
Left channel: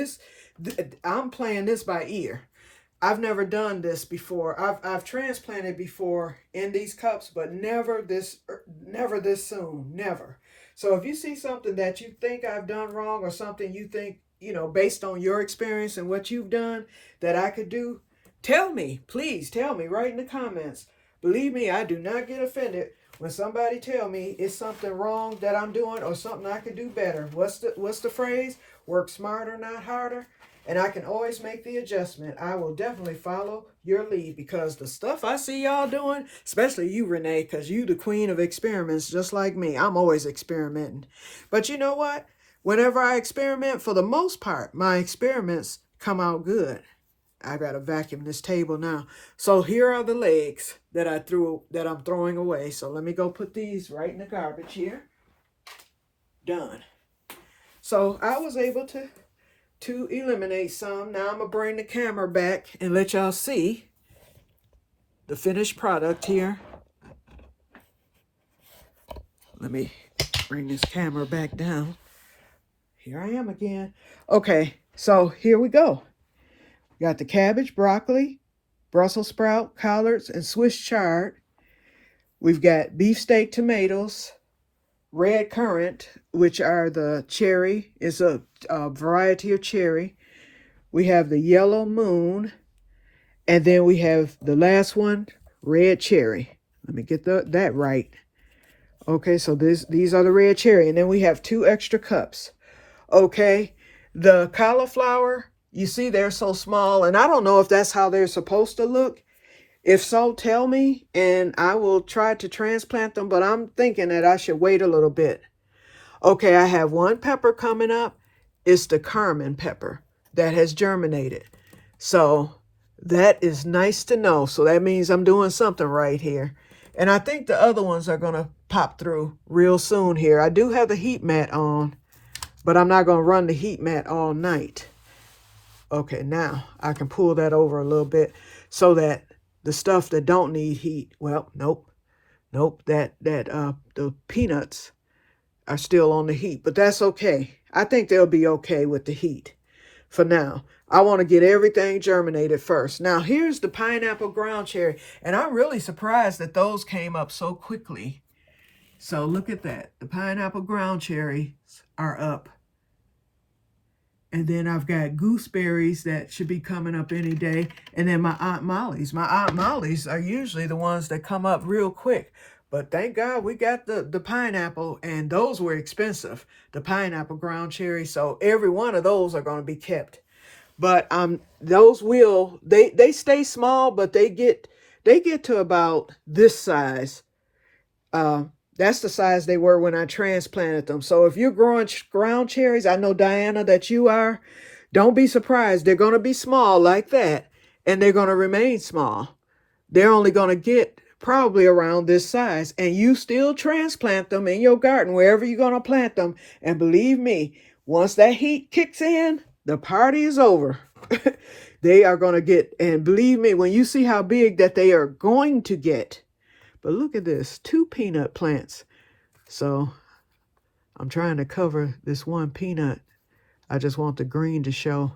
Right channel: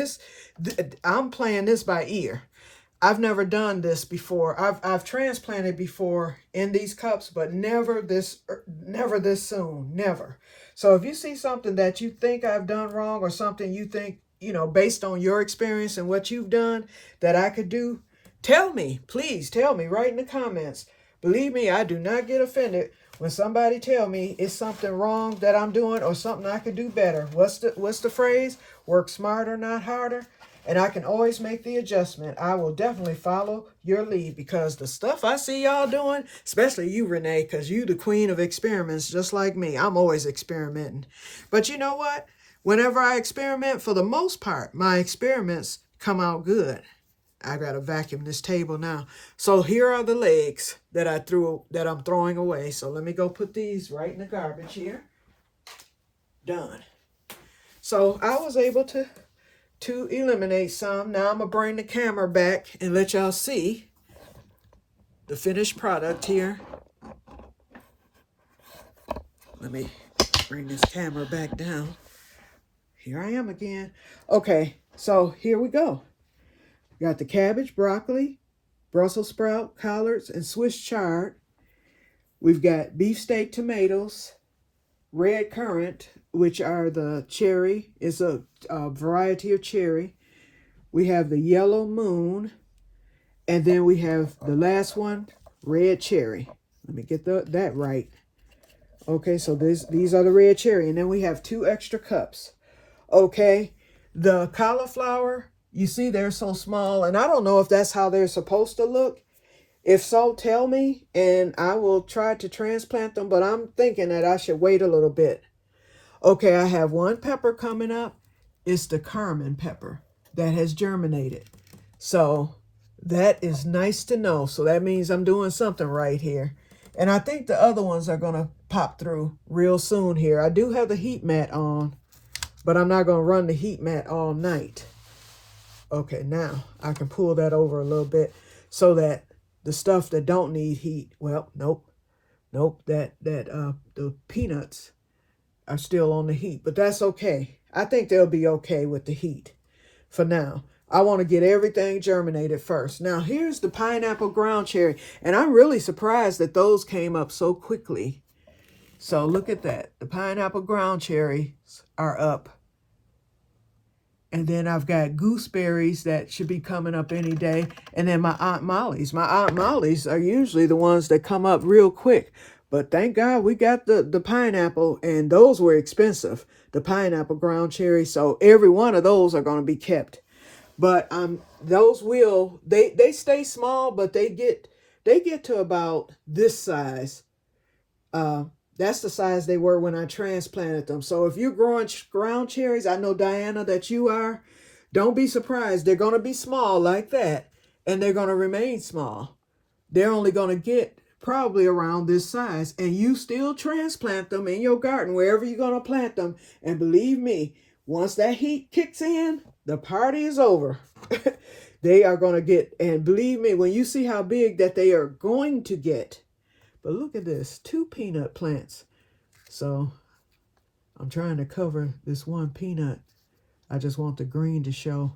I'm playing this by ear. I've never done this before. I've transplanted before in these cups, but never this soon, never. So if you see something that you think I've done wrong, or something you think, based on your experience and what you've done, that I could do, tell me. Please tell me right in the comments. Believe me, I do not get offended when somebody tell me it's something wrong that I'm doing or something I could do better. What's the phrase? Work smarter, not harder. And I can always make the adjustment. I will definitely follow your lead, because the stuff I see y'all doing, especially you, Renee, because you the queen of experiments, just like me. I'm always experimenting. But you know what? Whenever I experiment, for the most part, my experiments come out good. I gotta vacuum this table now. So here are the legs that I'm throwing away. So let me go put these right in the garbage here. Done. So I was able to eliminate some. Now I'm gonna bring the camera back and let y'all see the finished product here. Let me bring this camera back down. Here I am again. Okay, so here we go. We got the cabbage, broccoli, Brussels sprout, collards, and Swiss chard. We've got beefsteak tomatoes, red currant, which are the cherry, is a variety of cherry. We have the yellow moon, and then we have the last one, red cherry. Let me get that right. Okay, so these are the red cherry, and then we have 2 extra cups. Okay, the cauliflower, you see they're so small, and I don't know if that's how they're supposed to look. If so, tell me, and I will try to transplant them, but I'm thinking that I should wait a little bit. Okay, I have 1 pepper coming up. It's the Carmen pepper that has germinated. So that is nice to know. So that means I'm doing something right here. And I think the other ones are going to pop through real soon here. I do have the heat mat on, but I'm not going to run the heat mat all night. Okay, now I can pull that over a little bit so that the stuff that don't need heat, well, nope, the peanuts are still on the heat, but that's okay. I think they'll be okay with the heat for now. I want to get everything germinated first. Now, here's the pineapple ground cherry, and I'm really surprised that those came up so quickly. So look at that. The pineapple ground cherries are up. And then I've got gooseberries that should be coming up any day. And then my Aunt Molly's. My Aunt Molly's are usually the ones that come up real quick. But thank God we got the pineapple, and those were expensive, the pineapple ground cherries. So every one of those are going to be kept. But those will they stay small, but they get to about this size. Uh, that's the size they were when I transplanted them. So if you're growing ground cherries, I know, Diana, that you are, don't be surprised. They're going to be small like that, and they're going to remain small. They're only going to get probably around this size, and you still transplant them in your garden, wherever you're going to plant them. And believe me, once that heat kicks in, the party is over. They are going to get, and believe me, when you see how big that they are going to get. But look at this, 2 peanut plants. So I'm trying to cover this one peanut. I just want the green to show.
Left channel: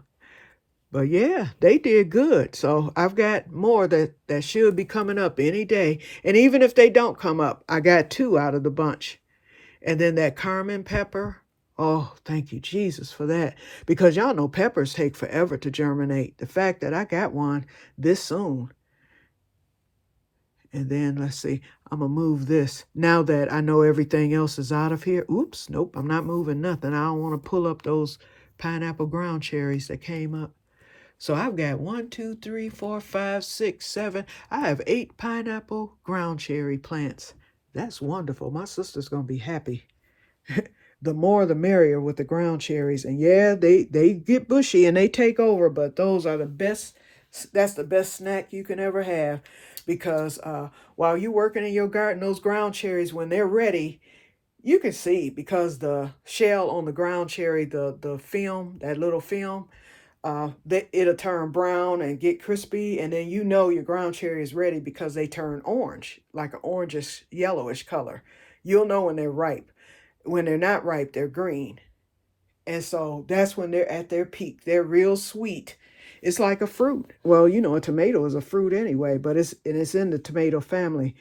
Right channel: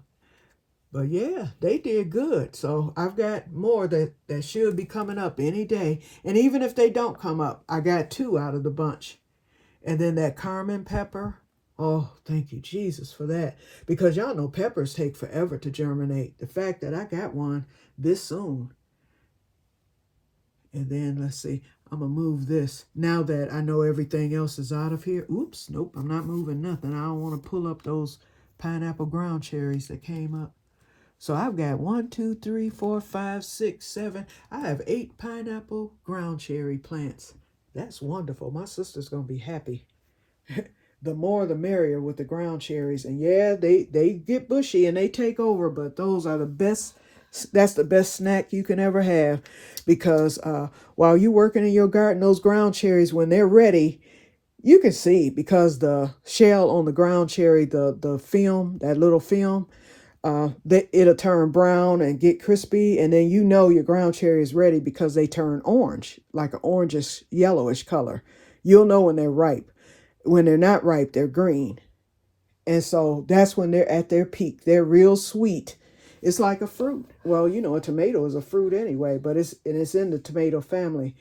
But yeah, they did good. So I've got more that should be coming up any day. And even if they don't come up, I got 2 out of the bunch. And then that Carmen pepper. Oh, thank you, Jesus, for that. Because y'all know peppers take forever to germinate. The fact that I got one this soon. And then let's see, I'm going to move this. Now that I know everything else is out of here. Oops, nope, I'm not moving nothing. I don't want to pull up those pineapple ground cherries that came up. So I've got 1, 2, 3, 4, 5, 6, 7. I have 8 pineapple ground cherry plants. That's wonderful. My sister's going to be happy. The more the merrier with the ground cherries. And yeah, they get bushy and they take over, but those are the best. That's the best snack you can ever have. Because while you're working in your garden, those ground cherries, when they're ready, you can see, because the shell on the ground cherry, the film, that little film, it'll turn brown and get crispy, and then you know your ground cherry is ready because they turn orange, like an orangish yellowish color. You'll know when they're ripe. When they're not ripe, they're green. And so that's when they're at their peak. They're real sweet. It's like a fruit. Well, you know, a tomato is a fruit anyway, but it's in the tomato family.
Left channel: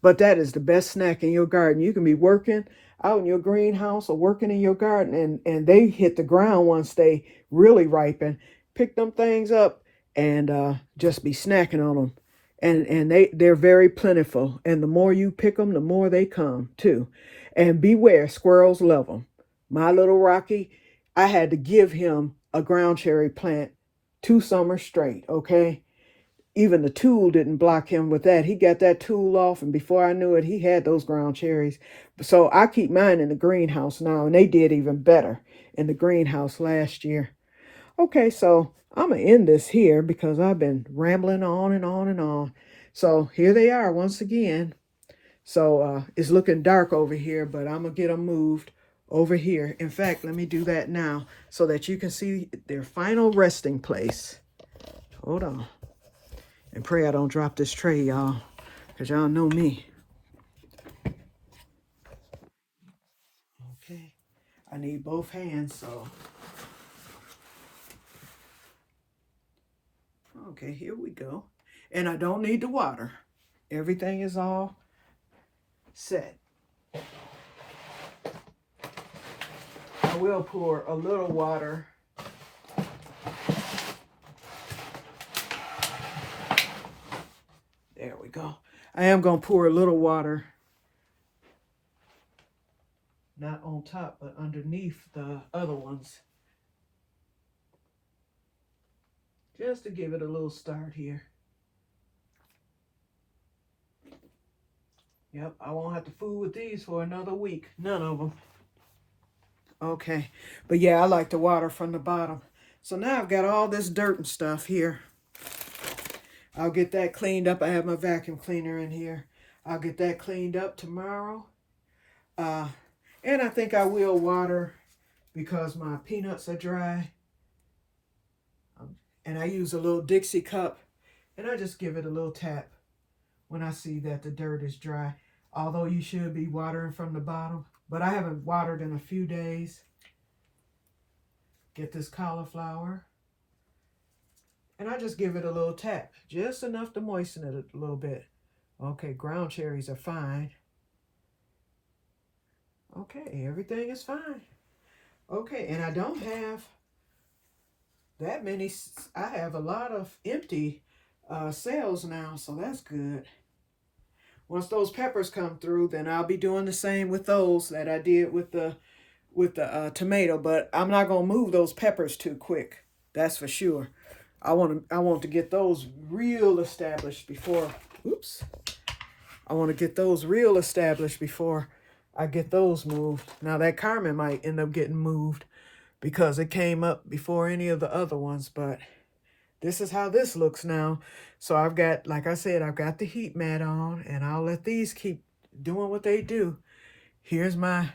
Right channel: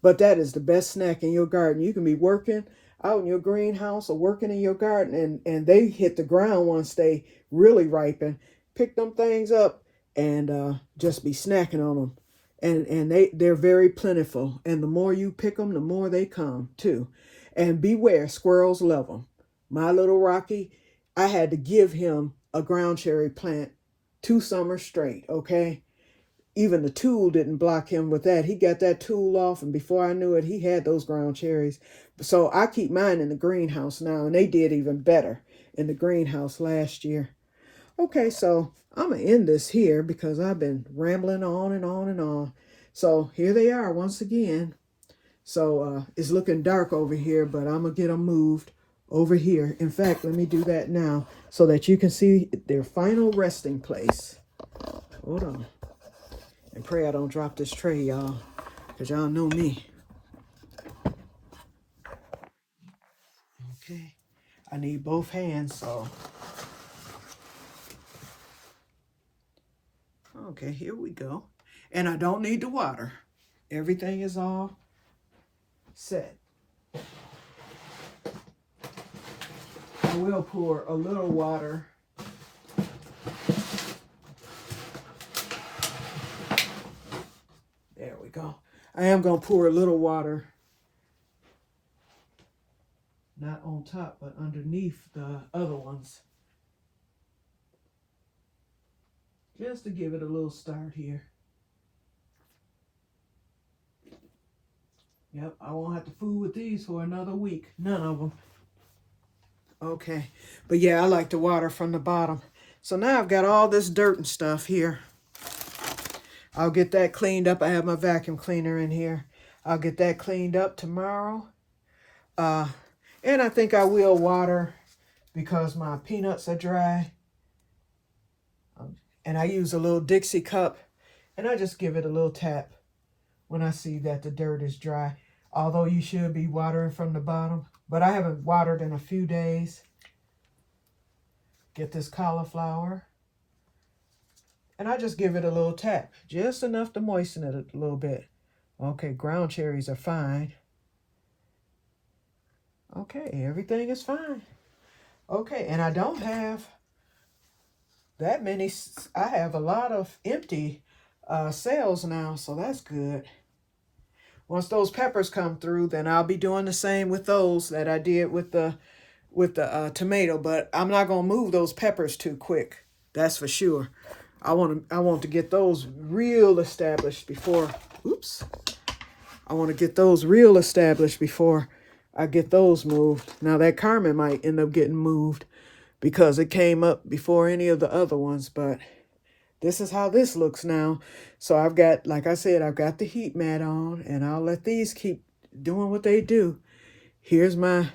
But that is the best snack in your garden. You can be working out in your greenhouse or working in your garden, and they hit the ground once they really ripen. Pick them things up and just be snacking on them. And they're very plentiful. And the more you pick them, the more they come too. And beware, squirrels love them. My little Rocky, I had to give him a ground cherry plant 2 summers straight, okay? Even the tool didn't block him with that. He got that tool off, and before I knew it, he had those ground cherries. So I keep mine in the greenhouse now, and they did even better in the greenhouse last year. Okay, so I'm going to end this here because I've been rambling on and on and on. So here they are once again. So it's looking dark over here, but I'm going to get them moved over here. In fact, let me do that now so that you can see their final resting place. Hold on. And pray I don't drop this tray, y'all, because y'all know me. Okay. I need both hands, so. Okay, here we go. And I don't need the water. Everything is all set. I will pour a little water. There we go. I am going to pour a little water, not on top, but underneath the other ones. Just to give it a little start here. Yep, I won't have to fool with these for another week. None of them. Okay, but yeah, I like the water from the bottom. So now I've got all this dirt and stuff here. I'll get that cleaned up. I have my vacuum cleaner in here. I'll get that cleaned up tomorrow. And I think I will water because my peanuts are dry. And I use a little Dixie cup, and I just give it a little tap when I see that the dirt is dry. Although you should be watering from the bottom, but I haven't watered in a few days. Get this cauliflower, and I just give it a little tap, just enough to moisten it a little bit. Okay, ground cherries are fine. Okay, everything is fine. Okay, and I don't have that many. I have a lot of empty cells now, so that's good. Once those peppers come through, then I'll be doing the same with those that I did with the tomato. But I'm not gonna move those peppers too quick. That's for sure. I want to get those real established before. Oops. I want to get those real established before I get those moved. Now that Carmen might end up getting moved because it came up before any of the other ones, but this is how this looks now. So I've got, like I said, I've got the heat mat on, and I'll let these keep doing what they do. Here's my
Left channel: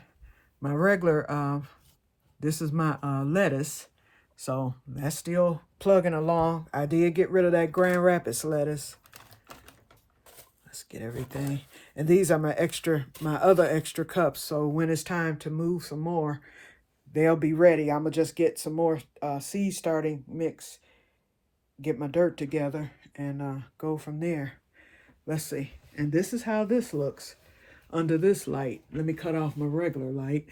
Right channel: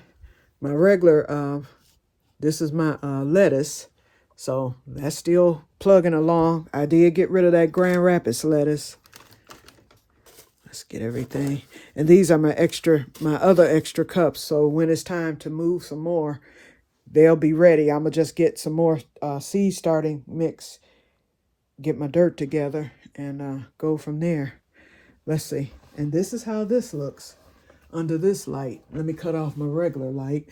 regular, this is my lettuce. So that's still plugging along. I did get rid of that Grand Rapids lettuce. Let's get everything. And these are my other extra cups. So when it's time to move some more, they'll be ready. I'm going to just get some more seed starting mix, get my dirt together, and go from there. Let's see. And this is how this looks under this light. Let me cut off my regular light.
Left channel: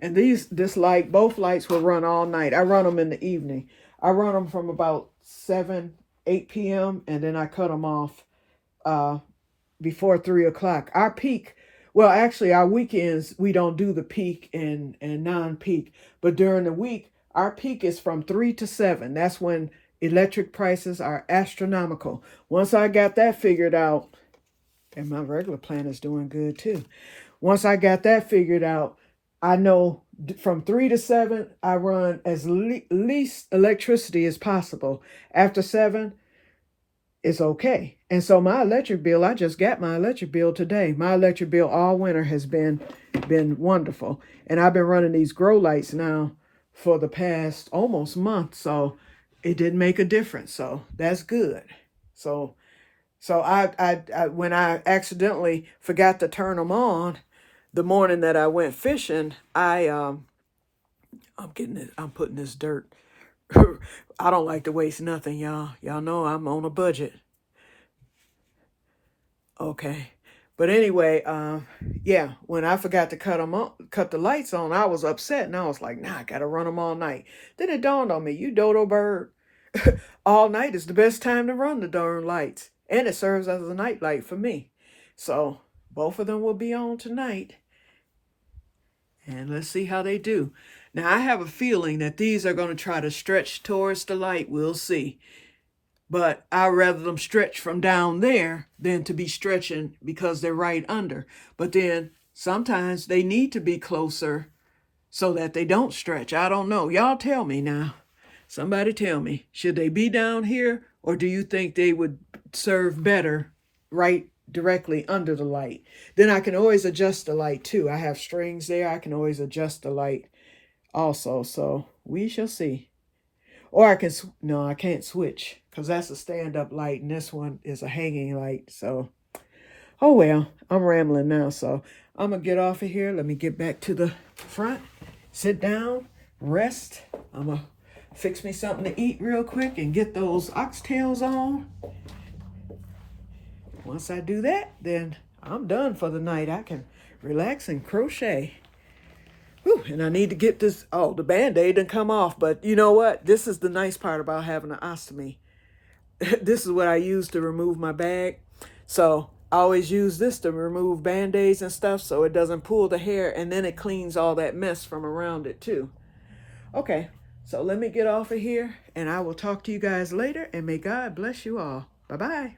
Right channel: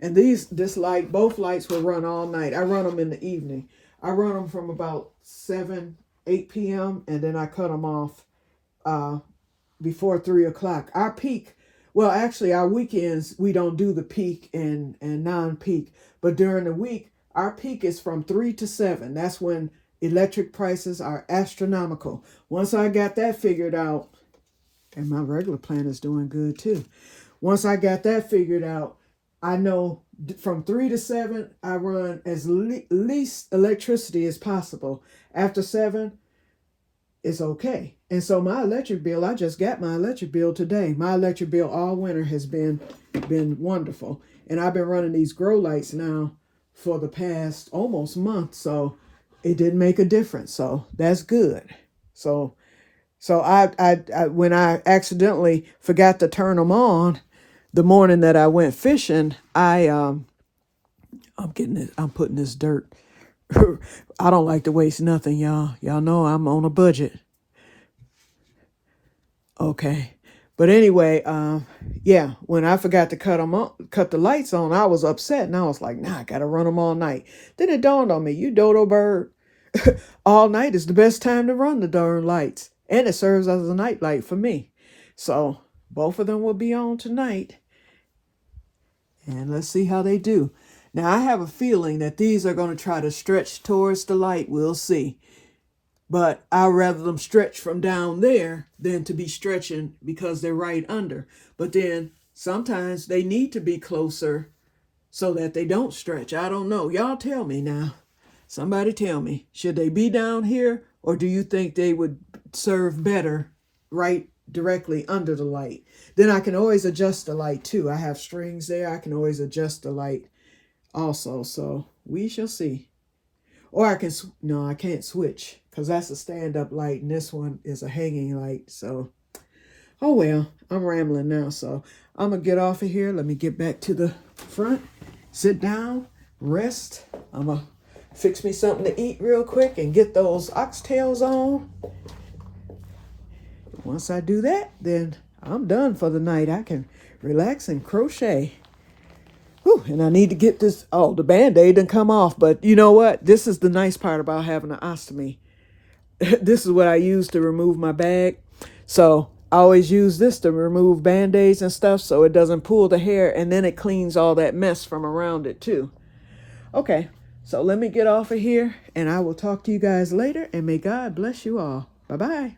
And this light, both lights will run all night. I run them in the evening. I run them from about 8 p.m. and then I cut them off before 3 o'clock. Our peak, well, actually, our weekends, we don't do the peak and non-peak. But during the week, our peak is from 3 to 7. That's when electric prices are astronomical. Once I got that figured out, and my regular plan is doing good too. Once I got that figured out, I know from 3 to 7, I run as least electricity as possible. After 7, it's okay. And so my electric bill, I just got my electric bill today. My electric bill all winter has been wonderful. And I've been running these grow lights now for the past almost month. So it didn't make a difference. So that's good. So I when I accidentally forgot to turn them on the morning that I went fishing, I'm putting this dirt. I don't like to waste nothing, y'all. Y'all know I'm on a budget. Okay. But anyway, yeah, when I forgot to cut the lights on, I was upset, and I was like, nah, I gotta run them all night. Then it dawned on me, you dodo bird, all night is the best time to run the darn lights. And it serves as a night light for me. So both of them will be on tonight. And let's see how they do. Now, I have a feeling that these are going to try to stretch towards the light. We'll see. But I'd rather them stretch from down there than to be stretching because they're right under. But then sometimes they need to be closer so that they don't stretch. I don't know. Y'all tell me now. Somebody tell me. Should they be down here, or do you think they would serve better right directly under the light? Then I can always adjust the light too. I have strings there. I can always adjust the light also. So we shall see. Or I can, no, I can't switch because that's a stand-up light and this one is a hanging light. So, oh well, I'm rambling now. So I'm going to get off of here. Let me get back to the front, sit down, rest. I'm going to fix me something to eat real quick and get those oxtails on. Once I do that, then I'm done for the night. I can relax and crochet. Whew, and I need to get this. Oh, the Band-Aid didn't come off. But you know what? This is the nice part about having an ostomy. This is what I use to remove my bag. So I always use this to remove Band-Aids and stuff so it doesn't pull the hair. And then it cleans all that mess from around it too. Okay, so let me get off of here. And I will talk to you guys later. And may God bless you all. Bye-bye.